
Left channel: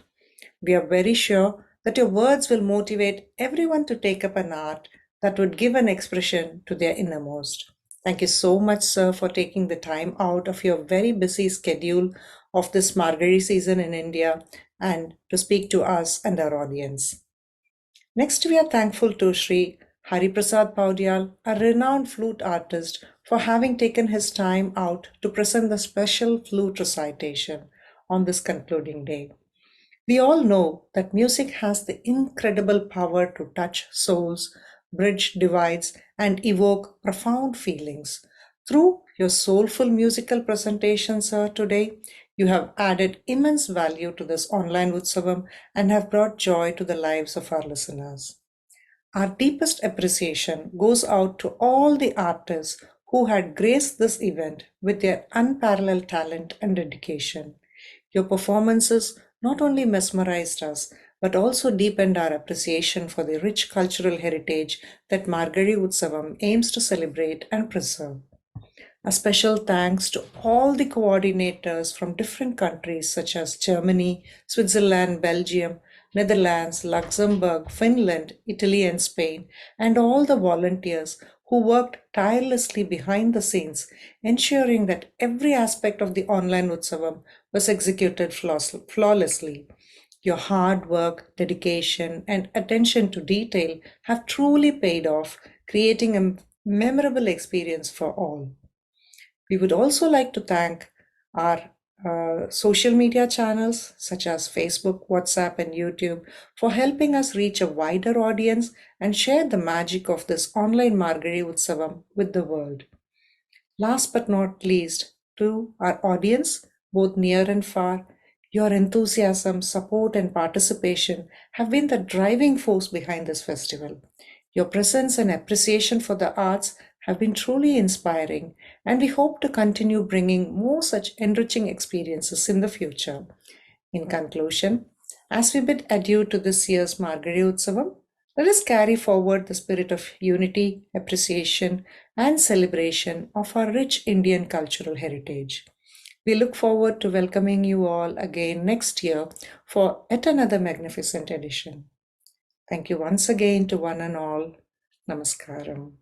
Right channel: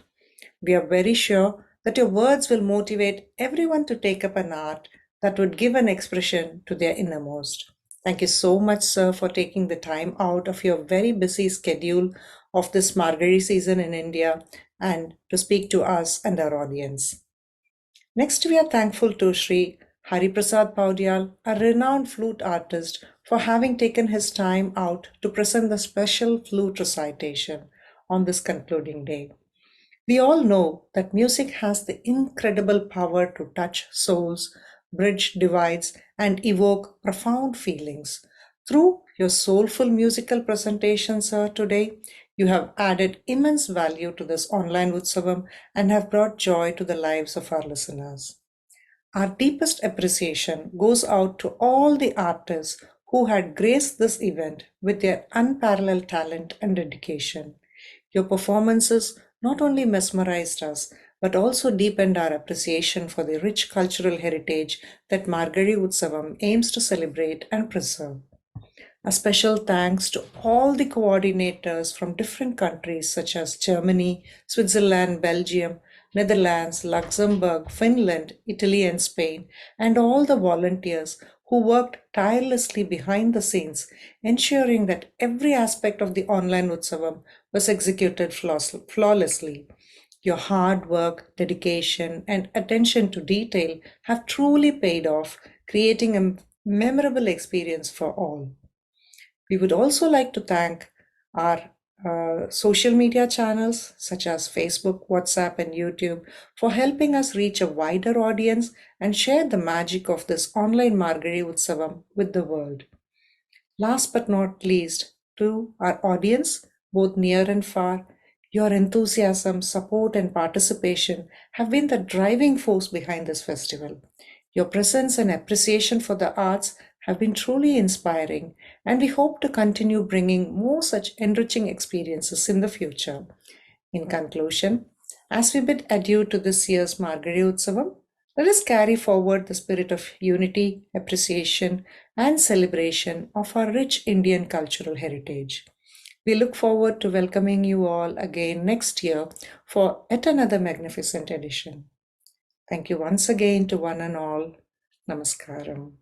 We are very sure that your words will motivate everyone to take up an art that would give an expression to their innermost. Thank you so much, sir, for taking the time out of your very busy schedule of this Margazhi season in India and to speak to us and our audience. Next, we are thankful to Shri Prasad Paudyal, a renowned flute artist, for having taken his time out to present the special flute recitation on this concluding day. We all know that music has the incredible power to touch souls, bridge divides, and evoke profound feelings. Through your soulful musical presentation, sir, today, you have added immense value to this online Utsavam and have brought joy to the lives of our listeners. Our deepest appreciation goes out to all the artists who had graced this event with their unparalleled talent and dedication. Your performances not only mesmerized us, but also deepened our appreciation for the rich cultural heritage that Margazhi Utsavam aims to celebrate and preserve. A special thanks to all the coordinators from different countries such as Germany, Switzerland, Belgium, Netherlands, Luxembourg, Finland, Italy, and Spain, and all the volunteers who worked tirelessly behind the scenes, ensuring that every aspect of the online Utsavam was executed flawlessly. Your hard work, dedication, and attention to detail have truly paid off, creating a memorable experience for all. We would also like to thank our social media channels such as Facebook, WhatsApp, and YouTube for helping us reach a wider audience and share the magic of this online Margazhi Utsavam with the world. Last but not least, to our audience, both near and far, your enthusiasm, support, and participation have been the driving force behind this festival. Your presence and appreciation for the arts have been truly inspiring, and we hope to continue bringing more such enriching experiences in the future. In conclusion, as we bid adieu to this year's Margazhi Utsavam, let us carry forward the spirit of unity, appreciation, and celebration of our rich Indian cultural heritage. We look forward to welcoming you all again next year for yet another magnificent edition. Thank you once again to one and all. Namaskaram.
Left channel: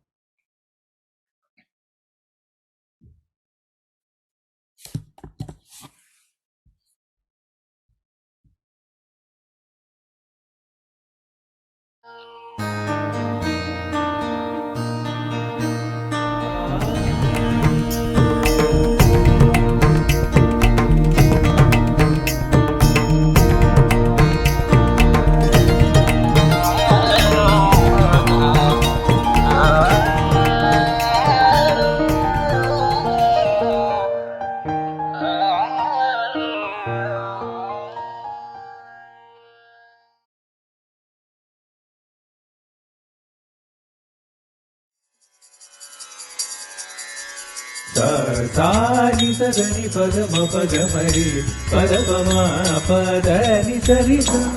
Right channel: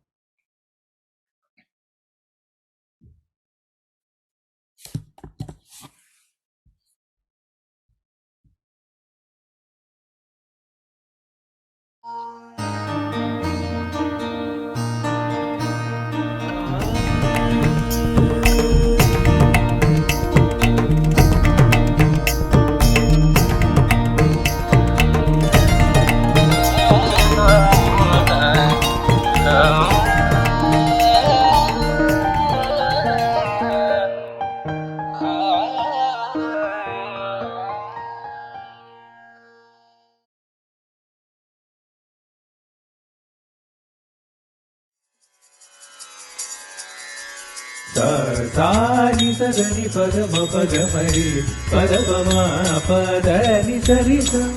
Sani Sagani Pagama Pagamari Padavama Padani Sarisam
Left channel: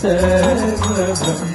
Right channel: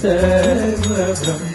Sarva